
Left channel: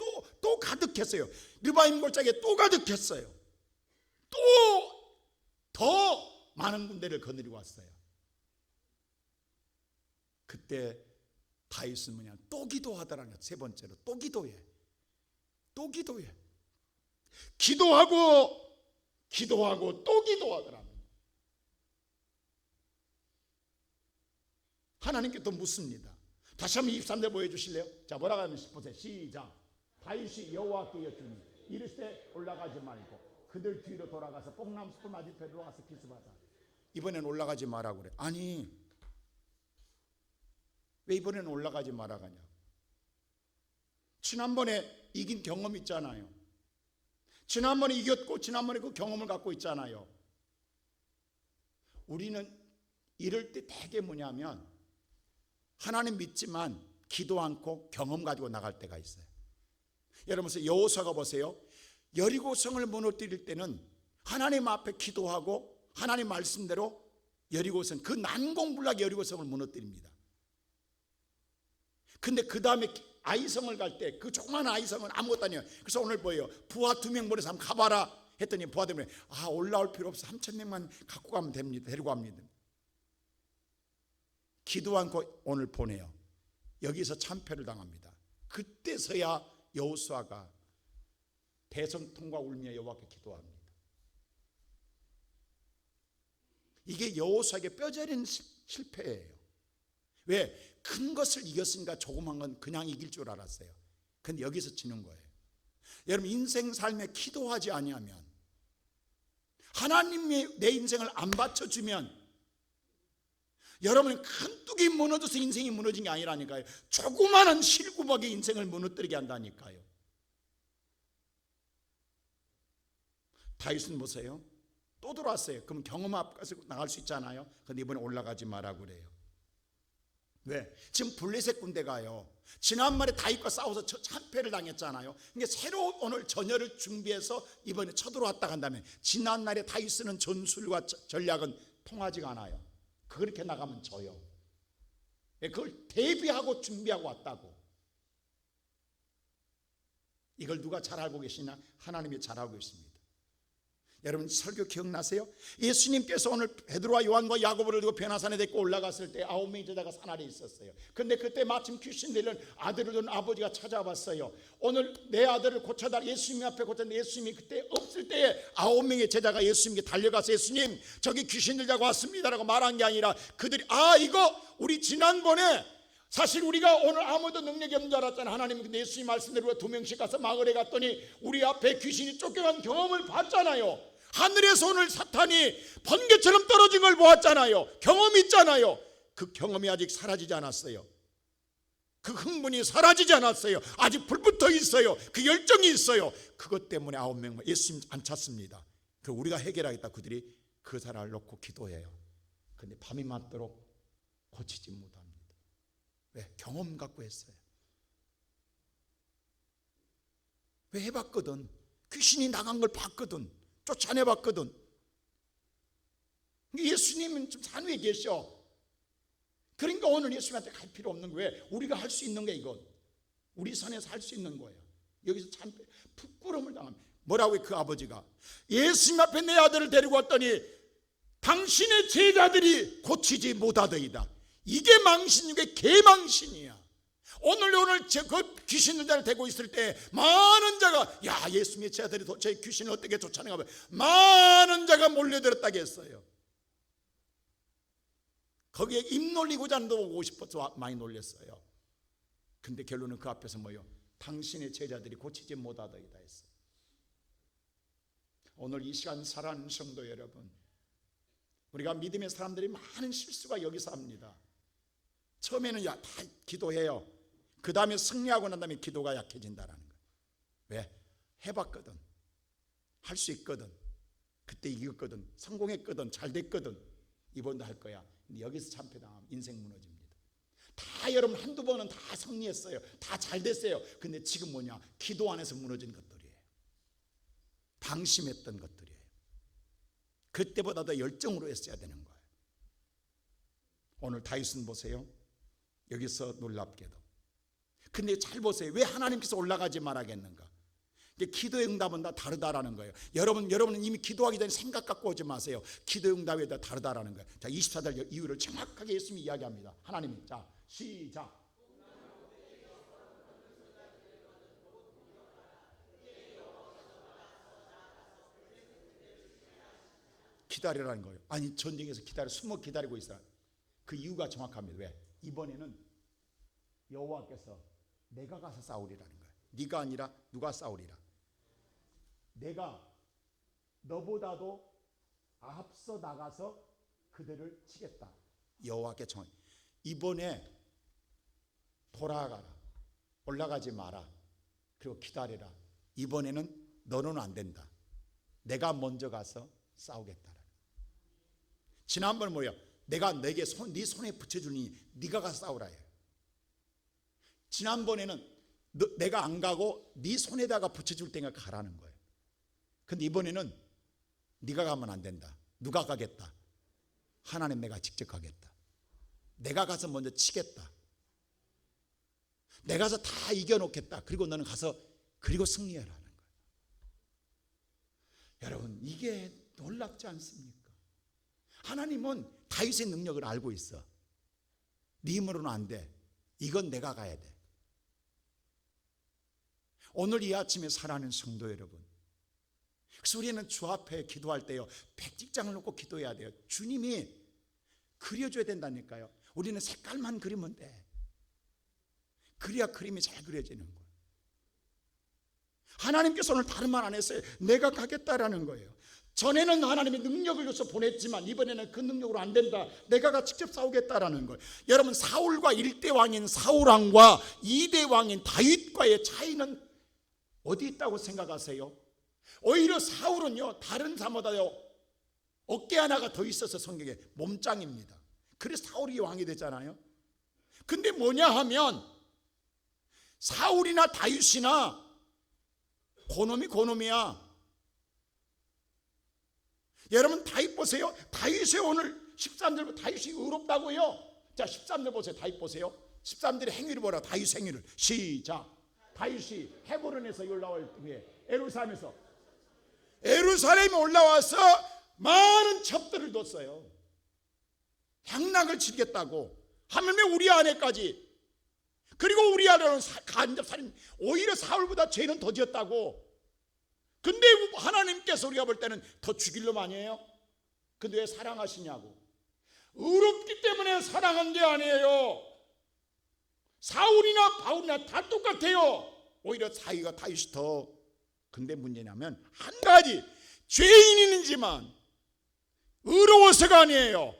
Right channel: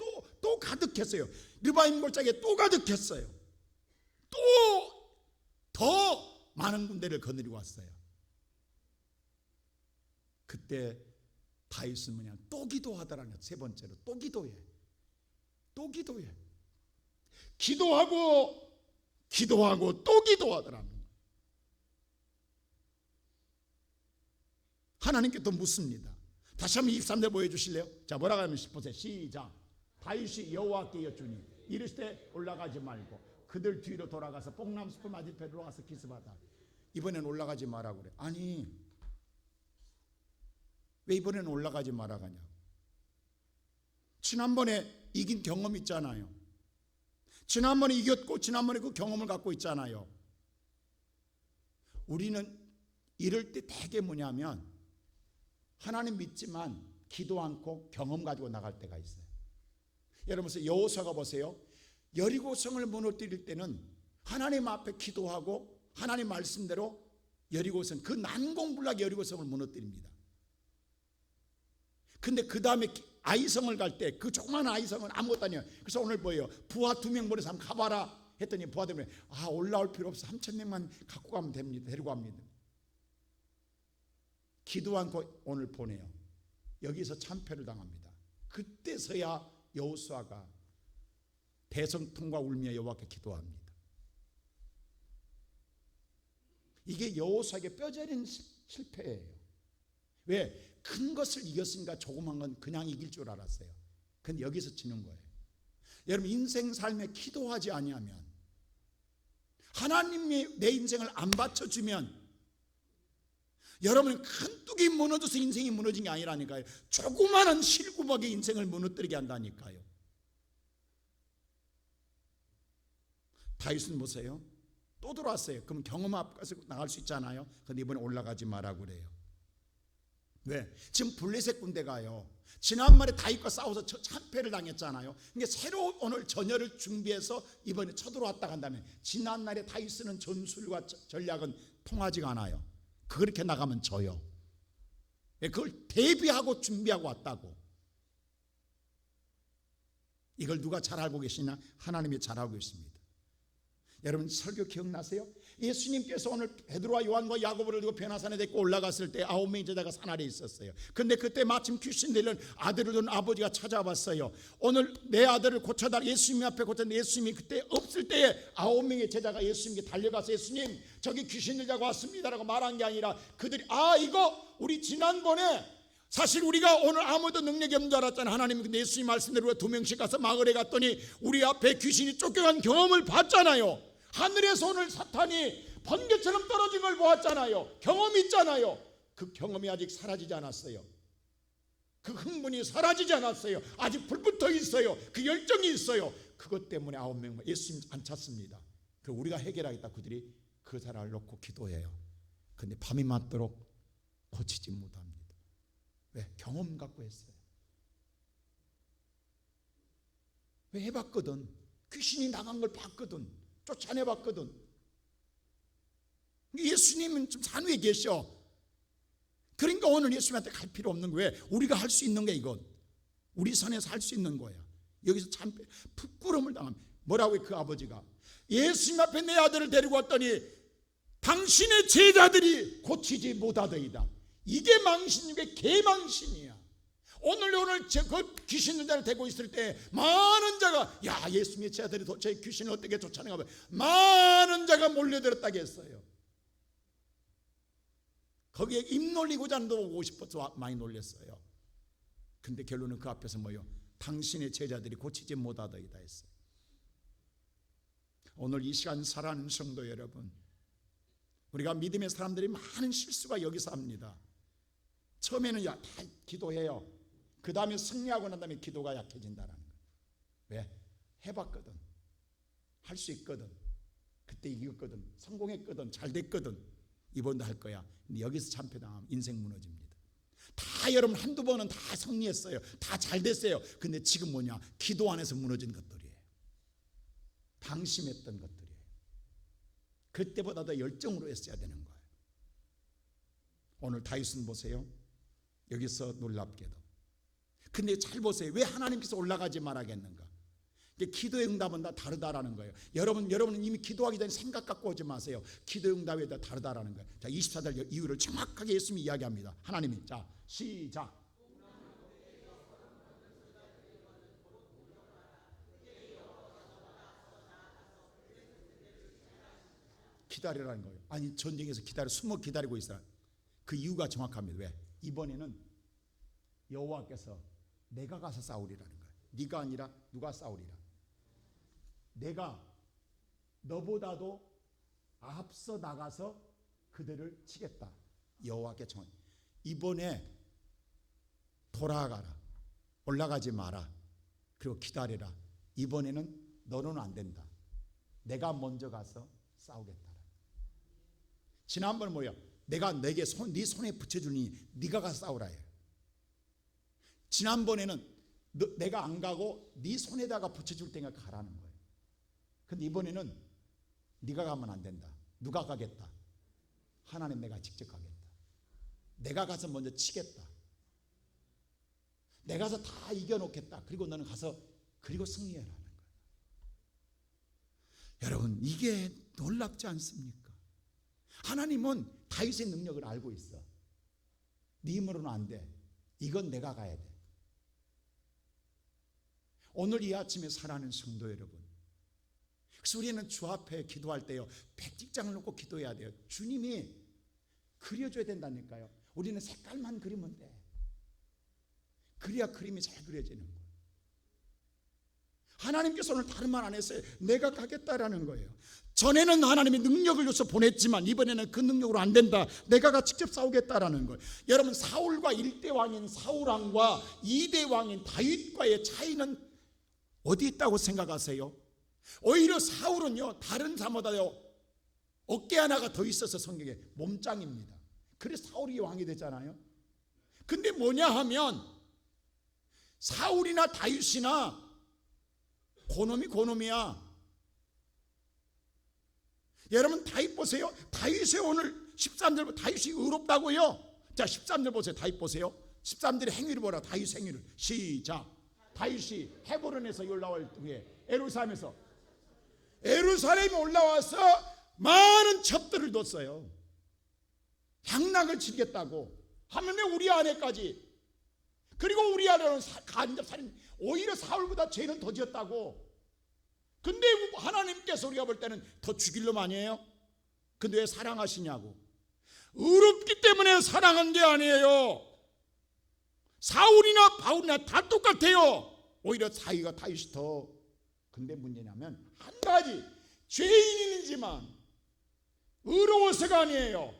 또 가득했어요. 르바임 골짜기에 또 가득했어요. 또 더 많은 군대를 거느리고 왔어요. 그때 다윗은 뭐냐, 또 기도하더라는 거예요. 세 번째로 또 기도해. 기도하고 또 기도하더라는 거예요. 하나님께 또 묻습니다. 다시 한번 23절 보여주실래요? 자, 뭐라고 하면 보세요. 시작. 다윗이 여호와께 여쭈니 이르시되 올라가지 말고 그들 뒤로 돌아가서 뽕나무숲 맞은편으로 와서 기습하다. 이번엔 올라가지 마라 그래. 아니, 왜 이번에는 올라가지 마라 가냐? 지난번에 이긴 경험 있잖아요. 지난번에 이겼고 지난번에 그 경험을 갖고 있잖아요. 우리는 이럴 때 되게 뭐냐면 하나님 믿지만 기도 않고 경험 가지고 나갈 때가 있어요. 여러분 여호수아가 보세요. 여리고성을 무너뜨릴 때는 하나님 앞에 기도하고 하나님 말씀대로 여리고성, 그 난공불락 여리고성을 무너뜨립니다. 근데 그 다음에 아이성을 갈 때 그 조그만 아이성은 아무것도 아니에요. 그래서 오늘 뭐예요? 부하 2명 보내서 한번 가봐라 했더니 부하들이 올라올 필요 없어, 3,000명만 갖고 가면 됩니다. 데리고 갑니다. 기도 않고 오늘 보내요. 여기서 참패를 당합니다. 그때서야 여호수아가 대성통과 울며 여호와께 기도합니다. 이게 여호수아에게 뼈저린 실패예요. 왜? 큰 것을 이겼으니까 조그만 건 그냥 이길 줄 알았어요. 근데 여기서 지는 거예요. 여러분, 인생 삶에 기도하지 아니하면, 하나님이 내 인생을 안 받쳐주면 여러분은 큰 뚝이 무너져서 인생이 무너진 게 아니라니까요. 조그마한 실구박의 인생을 무너뜨리게 한다니까요. 다윗은 보세요. 또 들어왔어요. 그럼 경험 앞까지 나갈 수 있잖아요. 근데 이번에 올라가지 마라 그래요. 왜? 지금 블레셋 군대가요, 지난번에 다윗과 싸워서 참패를 당했잖아요. 그러니까 새로 오늘 전열을 준비해서 이번에 쳐들어왔다 간다면, 지난날에 다윗 쓰는 전술과 전략은 통하지가 않아요. 그렇게 나가면 져요. 그걸 대비하고 준비하고 왔다고. 이걸 누가 잘 알고 계시냐? 하나님이 잘 알고 있습니다. 여러분, 설교 기억나세요? 예수님께서 오늘 베드로와 요한과 야고보를 들고 변화산에 데리고 올라갔을 때 9명의 제자가 산 아래에 있었어요. 근데 그때 마침 귀신 들린 아들을 둔 아버지가 찾아왔어요. 오늘 내 아들을 고쳐달라. 예수님 앞에 고쳤는데 예수님이 그때 없을 때에 9명의 제자가 예수님께 달려가서, 예수님 저기 귀신 들자고 왔습니다라고 말한 게 아니라, 그들이 이거 우리 지난번에 사실 우리가 오늘 아무도 능력이 없는 줄 알았잖아. 하나님은 근데 예수님 말씀대로 2명씩 가서 마을에 갔더니 우리 앞에 귀신이 쫓겨간 경험을 봤잖아요. 하늘에서 오늘 사탄이 번개처럼 떨어진 걸 보았잖아요. 경험이 있잖아요. 그 경험이 아직 사라지지 않았어요. 그 흥분이 사라지지 않았어요. 아직 불붙어 있어요. 그 열정이 있어요. 그것 때문에 9명 예수님 안 찾습니다. 그 우리가 해결하겠다. 그들이 그 사람을 놓고 기도해요. 근데 밤이 맞도록 고치지 못합니다. 왜? 경험 갖고 했어요. 왜? 해봤거든. 귀신이 나간 걸 봤거든. 쫓아내봤거든. 예수님은 좀 산 위에 계셔. 그러니까 오늘 예수님한테 갈 필요 없는 거예요. 왜? 우리가 할 수 있는 게 이건. 우리 선에서 할 수 있는 거야. 여기서 참 부끄러움을 당합니다. 뭐라고 해? 그 아버지가 예수님 앞에 내 아들을 데리고 왔더니 당신의 제자들이 고치지 못하더이다. 이게 망신 중에 개망신이야. 오늘 그 귀신 들자를 데리고 있을 때 많은 자가, 야, 예수님의 제자들이 도대체 귀신을 어떻게 쫓아내가 봐. 많은 자가 몰려들었다고 했어요. 거기에 입 놀리고자 오고 싶어서 많이 놀렸어요. 근데 결론은 그 앞에서 뭐요? 당신의 제자들이 고치지 못하더이다 했어요. 오늘 이 시간 살아가는 성도 여러분, 우리가 믿음의 사람들이 많은 실수가 여기서 합니다. 처음에는 다 기도해요. 그 다음에 승리하고 난 다음에 기도가 약해진다는 거예요. 왜? 해봤거든. 할 수 있거든. 그때 이겼거든. 성공했거든. 잘 됐거든. 이번도 할 거야. 근데 여기서 참패당하면 인생 무너집니다. 다 여러분 한두 번은 다 승리했어요. 다 잘 됐어요. 근데 지금 뭐냐? 기도 안에서 무너진 것들이에요. 방심했던 것들이에요. 그때보다 더 열정으로 했어야 되는 거예요. 오늘 다윗은 보세요. 여기서 놀랍게도. 근데 잘 보세요. 왜 하나님께서 올라가지 말하겠는가? 기도의 응답은 다 다르다라는 거예요. 여러분은 이미 기도하기 전에 생각 갖고 오지 마세요. 기도의 응답이 다 다르다라는 거예요. 자, 24절 이유를 정확하게 예수님이 이야기합니다. 하나님이. 자, 시작. 기다리라는 거예요. 아니, 전쟁에서 숨어 기다리고 있어요. 그 이유가 정확합니다. 왜? 이번에는 여호와께서 내가 가서 싸우리라는 거예요. 네가 아니라 누가 싸우리라. 내가 너보다도 앞서 나가서 그들을 치겠다. 여호와께 정한. 이번에 돌아가라. 올라가지 마라. 그리고 기다리라. 이번에는 너는 안 된다. 내가 먼저 가서 싸우겠다. 지난번은 뭐야? 내가 내게 네 손에 붙여주니 네가 가서 싸우라 해요. 지난번에는 내가 안 가고 네 손에다가 붙여줄 테니까 가라는 거예요. 근데 이번에는 네가 가면 안 된다. 누가 가겠다? 하나님, 내가 직접 가겠다. 내가 가서 먼저 치겠다. 내가 가서 다 이겨놓겠다. 그리고 너는 가서 그리고 승리하라는 거예요. 여러분, 이게 놀랍지 않습니까? 하나님은 다윗의 능력을 알고 있어. 네 힘으로는 안 돼. 이건 내가 가야 돼. 오늘 이 아침에 사랑하는 성도 여러분, 그래서 우리는 주 앞에 기도할 때요, 백직장을 놓고 기도해야 돼요. 주님이 그려줘야 된다니까요. 우리는 색깔만 그리면 돼. 그래야 그림이 잘 그려지는 거예요. 하나님께서 오늘 다른 말 안 했어요. 내가 가겠다라는 거예요. 전에는 하나님의 능력을 줘서 보냈지만 이번에는 그 능력으로 안 된다. 내가 직접 싸우겠다라는 거예요. 여러분, 사울과 1대 왕인 사울왕과 2대 왕인 다윗과의 차이는 어디 있다고 생각하세요? 오히려 사울은요, 다른 사람보다요 어깨 하나가 더 있어서 성경에 몸짱입니다. 그래서 사울이 왕이 됐잖아요. 근데 뭐냐 하면 사울이나 다윗이나 고놈이야. 여러분, 다윗 보세요. 다윗의 오늘 13절, 다윗이 의롭다고요. 자, 13절 보세요. 다윗 보세요. 13절의 행위를 보라. 다윗 행위를. 시작. 다윗이 헤브론에서 올라올 후에 에루살렘에 올라와서 많은 첩들을 뒀어요. 향락을 치겠다고. 하물며 우리 아내까지. 그리고 우리 아내는 간접살인, 오히려 사울보다 죄는 더 지었다고. 근데 하나님께서 우리가 볼 때는 더 죽일 놈 아니에요? 근데 왜 사랑하시냐고. 의롭기 때문에 사랑한 게 아니에요. 사울이나 바울이나 다 똑같아요. 오히려 자기가 다윗이 더. 근데 문제냐면 한 가지, 죄인이지만 의로워서가 아니에요.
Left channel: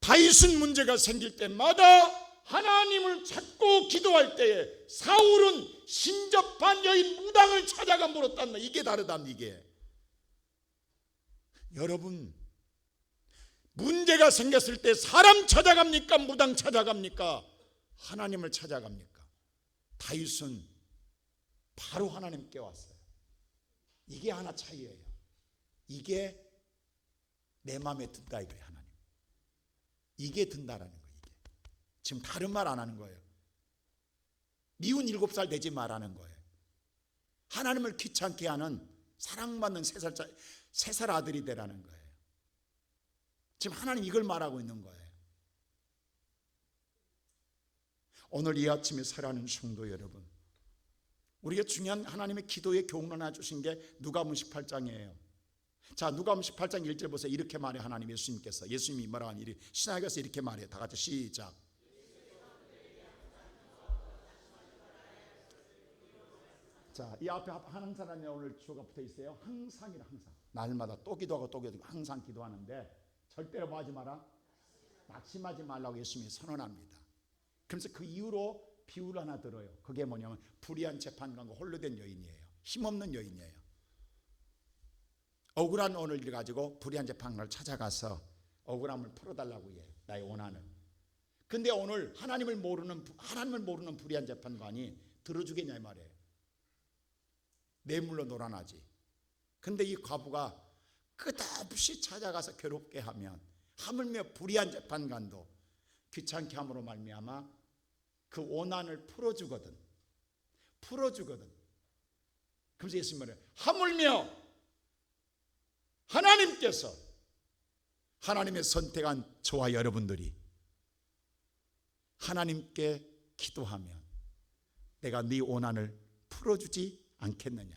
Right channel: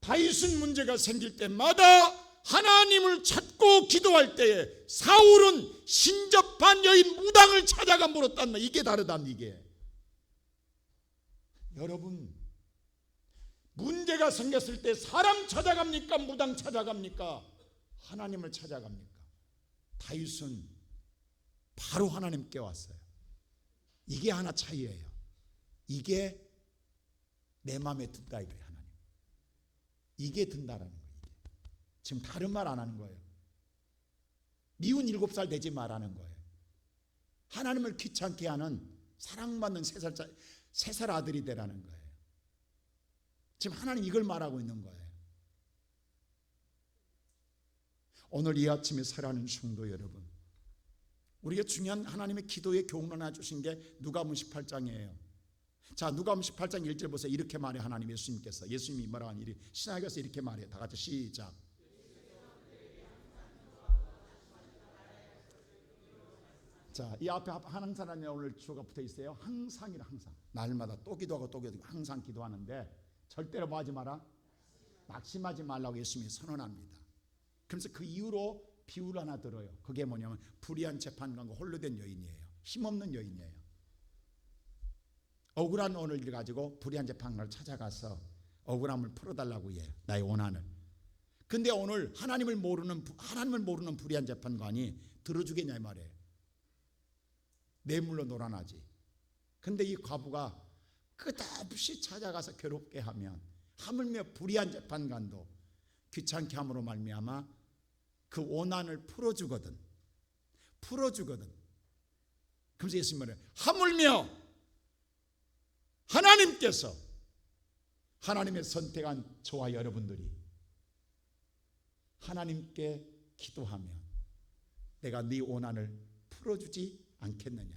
다윗은 문제가 생길 때마다 하나님을 찾고 기도할 때에 사울은 신접한 여인 무당을 찾아가 물었단 말. 이게 다르단 이게. 여러분, 문제가 생겼을 때 사람 찾아갑니까? 무당 찾아갑니까? 하나님을 찾아갑니까? 다윗은 바로 하나님께 왔어요. 이게 하나 차이예요. 이게 내 마음에 든다 이거예요. 하나님, 이게 든다라는 거예요. 지금 다른 말 안 하는 거예요. 미운 7살 되지 말라는 거예요. 하나님을 귀찮게 하는 사랑받는 3살 아들이 되라는 거예요. 지금 하나님 이걸 말하고 있는 거예요. 오늘 이 아침에 살아가는 성도 여러분, 우리가 중요한 하나님의 기도의 교훈을 하나 주신 게 누가복음 18장이에요. 자, 누가복음 18장 1절 보세요. 이렇게 말해 하나님 예수님께서. 예수님이 뭐라 하니 신학에서 이렇게 말해요. 다 같이 시작. 자, 이 앞에 하는 사람이 오늘 주어가 붙어 있어요. 항상이라. 항상. 날마다 또 기도하고 또 기도하고 항상 기도하는데 절대로 뭐 하지 마라? 낙심하지 말라고 예수님이 선언합니다. 그래서 그 이후로 비유를 하나 들어요. 그게 뭐냐면 불의한 재판관과 홀로 된 여인이에요. 힘없는 여인이에요. 억울한 오늘 일 가지고 불의한 재판관을 찾아가서 억울함을 풀어달라고 해요. 나의 원한을. 근데 오늘 하나님을 모르는 불의한 재판관이 들어주겠냐 이 말이에요. 뇌물로 놀아나지. 근데 이 과부가 끝없이 찾아가서 괴롭게 하면 하물며 불의한 재판관도 귀찮게 함으로 말미암아 그 원한을 풀어주거든. 그래서 예수님 말해요. 하물며 하나님께서 하나님의 선택한 저와 여러분들이 하나님께 기도하면 내가 네 원한을 풀어주지 않겠느냐?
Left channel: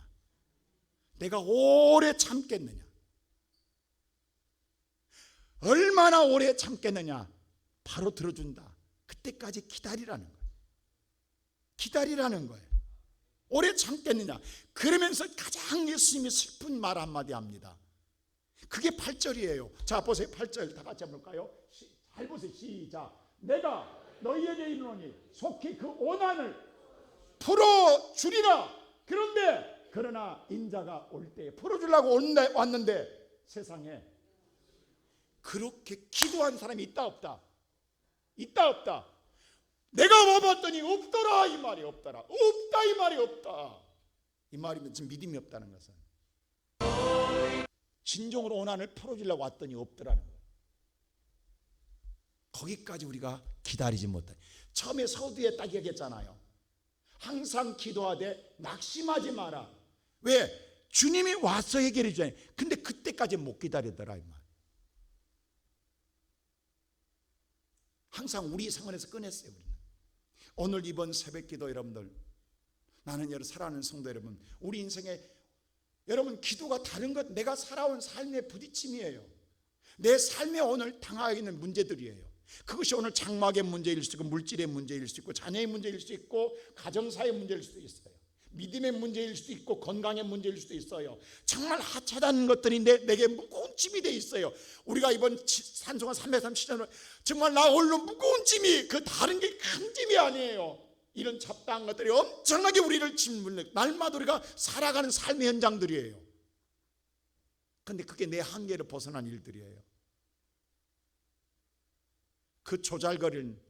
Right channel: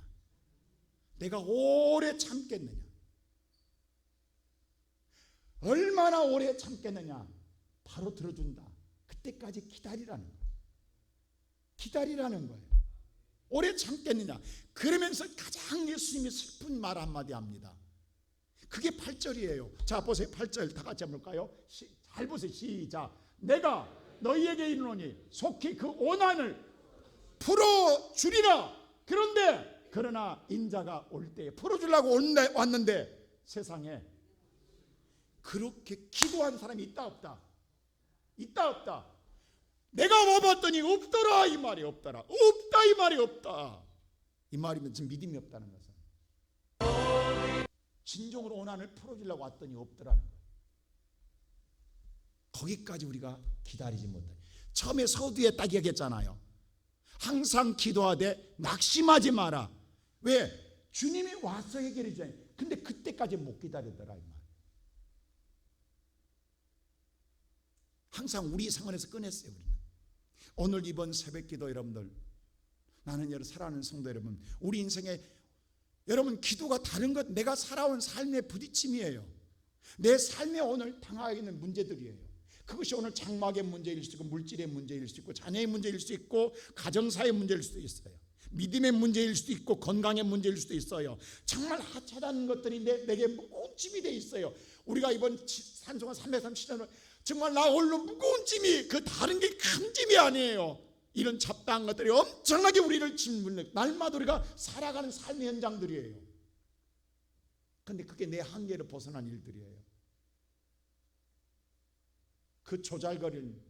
내가 오래 참겠느냐? 얼마나 오래 참겠느냐? 바로 들어준다. 그때까지 기다리라는 거예요. 기다리라는 거예요. 오래 참겠느냐? 그러면서 가장 예수님이 슬픈 말 한마디 합니다. 그게 8절이에요. 자, 보세요. 8절 다 같이 한번 볼까요? 잘 보세요. 시작. 내가 너희에게 이르노니 속히 그 원한을 풀어주리라. 그러나 인자가 올 때에 풀어주려고 왔는데 세상에 그렇게 기도한 사람이 있다 없다? 있다 없다? 내가 와봤더니 없더라 이 말이 없더라. 없다 이 말이 없다. 이 말이면 지금 믿음이 없다는 것은 진정으로 원한을 풀어주려고 왔더니 없더라는 거예요. 거기까지 우리가 기다리지 못해. 처음에 서두에 딱 얘기했잖아요. 항상 기도하되 낙심하지 마라. 왜? 주님이 와서 해결해 주잖아요. 근데 그때까지 못 기다리더라 이 말. 항상 우리 상황에서 꺼냈어요. 우리는 오늘 이번 새벽기도 여러분들 나는 여러분 사랑하는 성도 여러분, 우리 인생에 여러분 기도가 다른 것, 내가 살아온 삶의 부딪힘이에요. 내 삶에 오늘 당하고 있는 문제들이에요. 그것이 오늘 장막의 문제일 수 있고, 물질의 문제일 수 있고, 자녀의 문제일 수도 있고, 가정사의 문제일 수도 있어요. 믿음의 문제일 수도 있고, 건강의 문제일 수도 있어요. 정말 하찮은 것들인데 내게 무거운 짐이 돼 있어요. 우리가 이번 산송한 337년을 정말 나 홀로 무거운 짐이, 그 다른 게 큰 짐이 아니에요. 이런 잡다한 것들이 엄청나게 우리를 짓물려 날마다 우리가 살아가는 삶의 현장들이에요. 그런데 그게 내 한계를 벗어난 일들이에요. 그 조잘거리는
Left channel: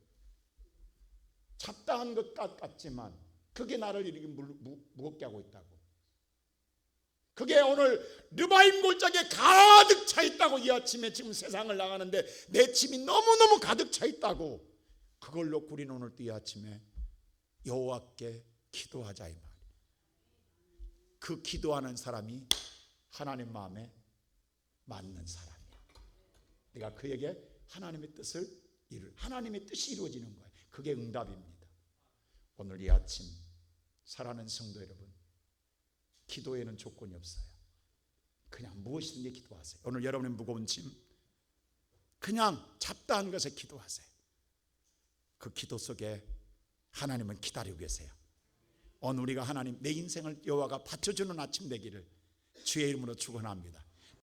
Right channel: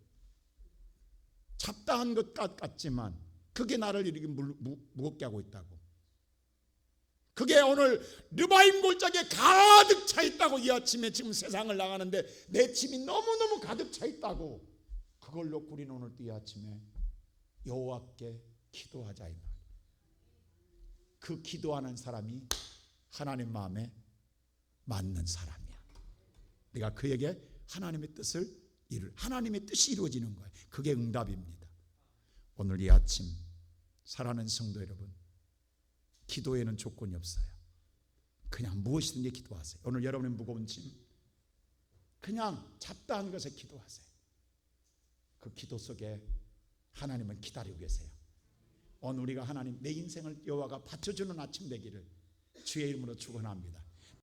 잡다한 것 같지만 그게 나를 이렇게 무겁게 하고 있다고. 그게 오늘 르바임 골짜기에 가득 차 있다고. 이 아침에 지금 세상을 나가는데 내 짐이 너무너무 가득 차 있다고. 그걸 놓고 우리는 오늘 이 아침에 여호와께 기도하자 이 말. 그 기도하는 사람이 하나님 마음에 맞는 사람이야. 내가 그에게 하나님의 뜻을 하나님의 뜻이 이루어지는 거예요. 그게 응답입니다. 오늘 이 아침 사랑하는 성도 여러분, 기도에는 조건이 없어요. 그냥 무엇이든지 기도하세요. 오늘 여러분의 무거운 짐, 그냥 잡다한 것에 기도하세요. 그 기도 속에 하나님은 기다리고 계세요. 오늘 우리가 하나님, 내 인생을 여호와가 받쳐주는 아침 되기를 주의 이름으로 축원합니다.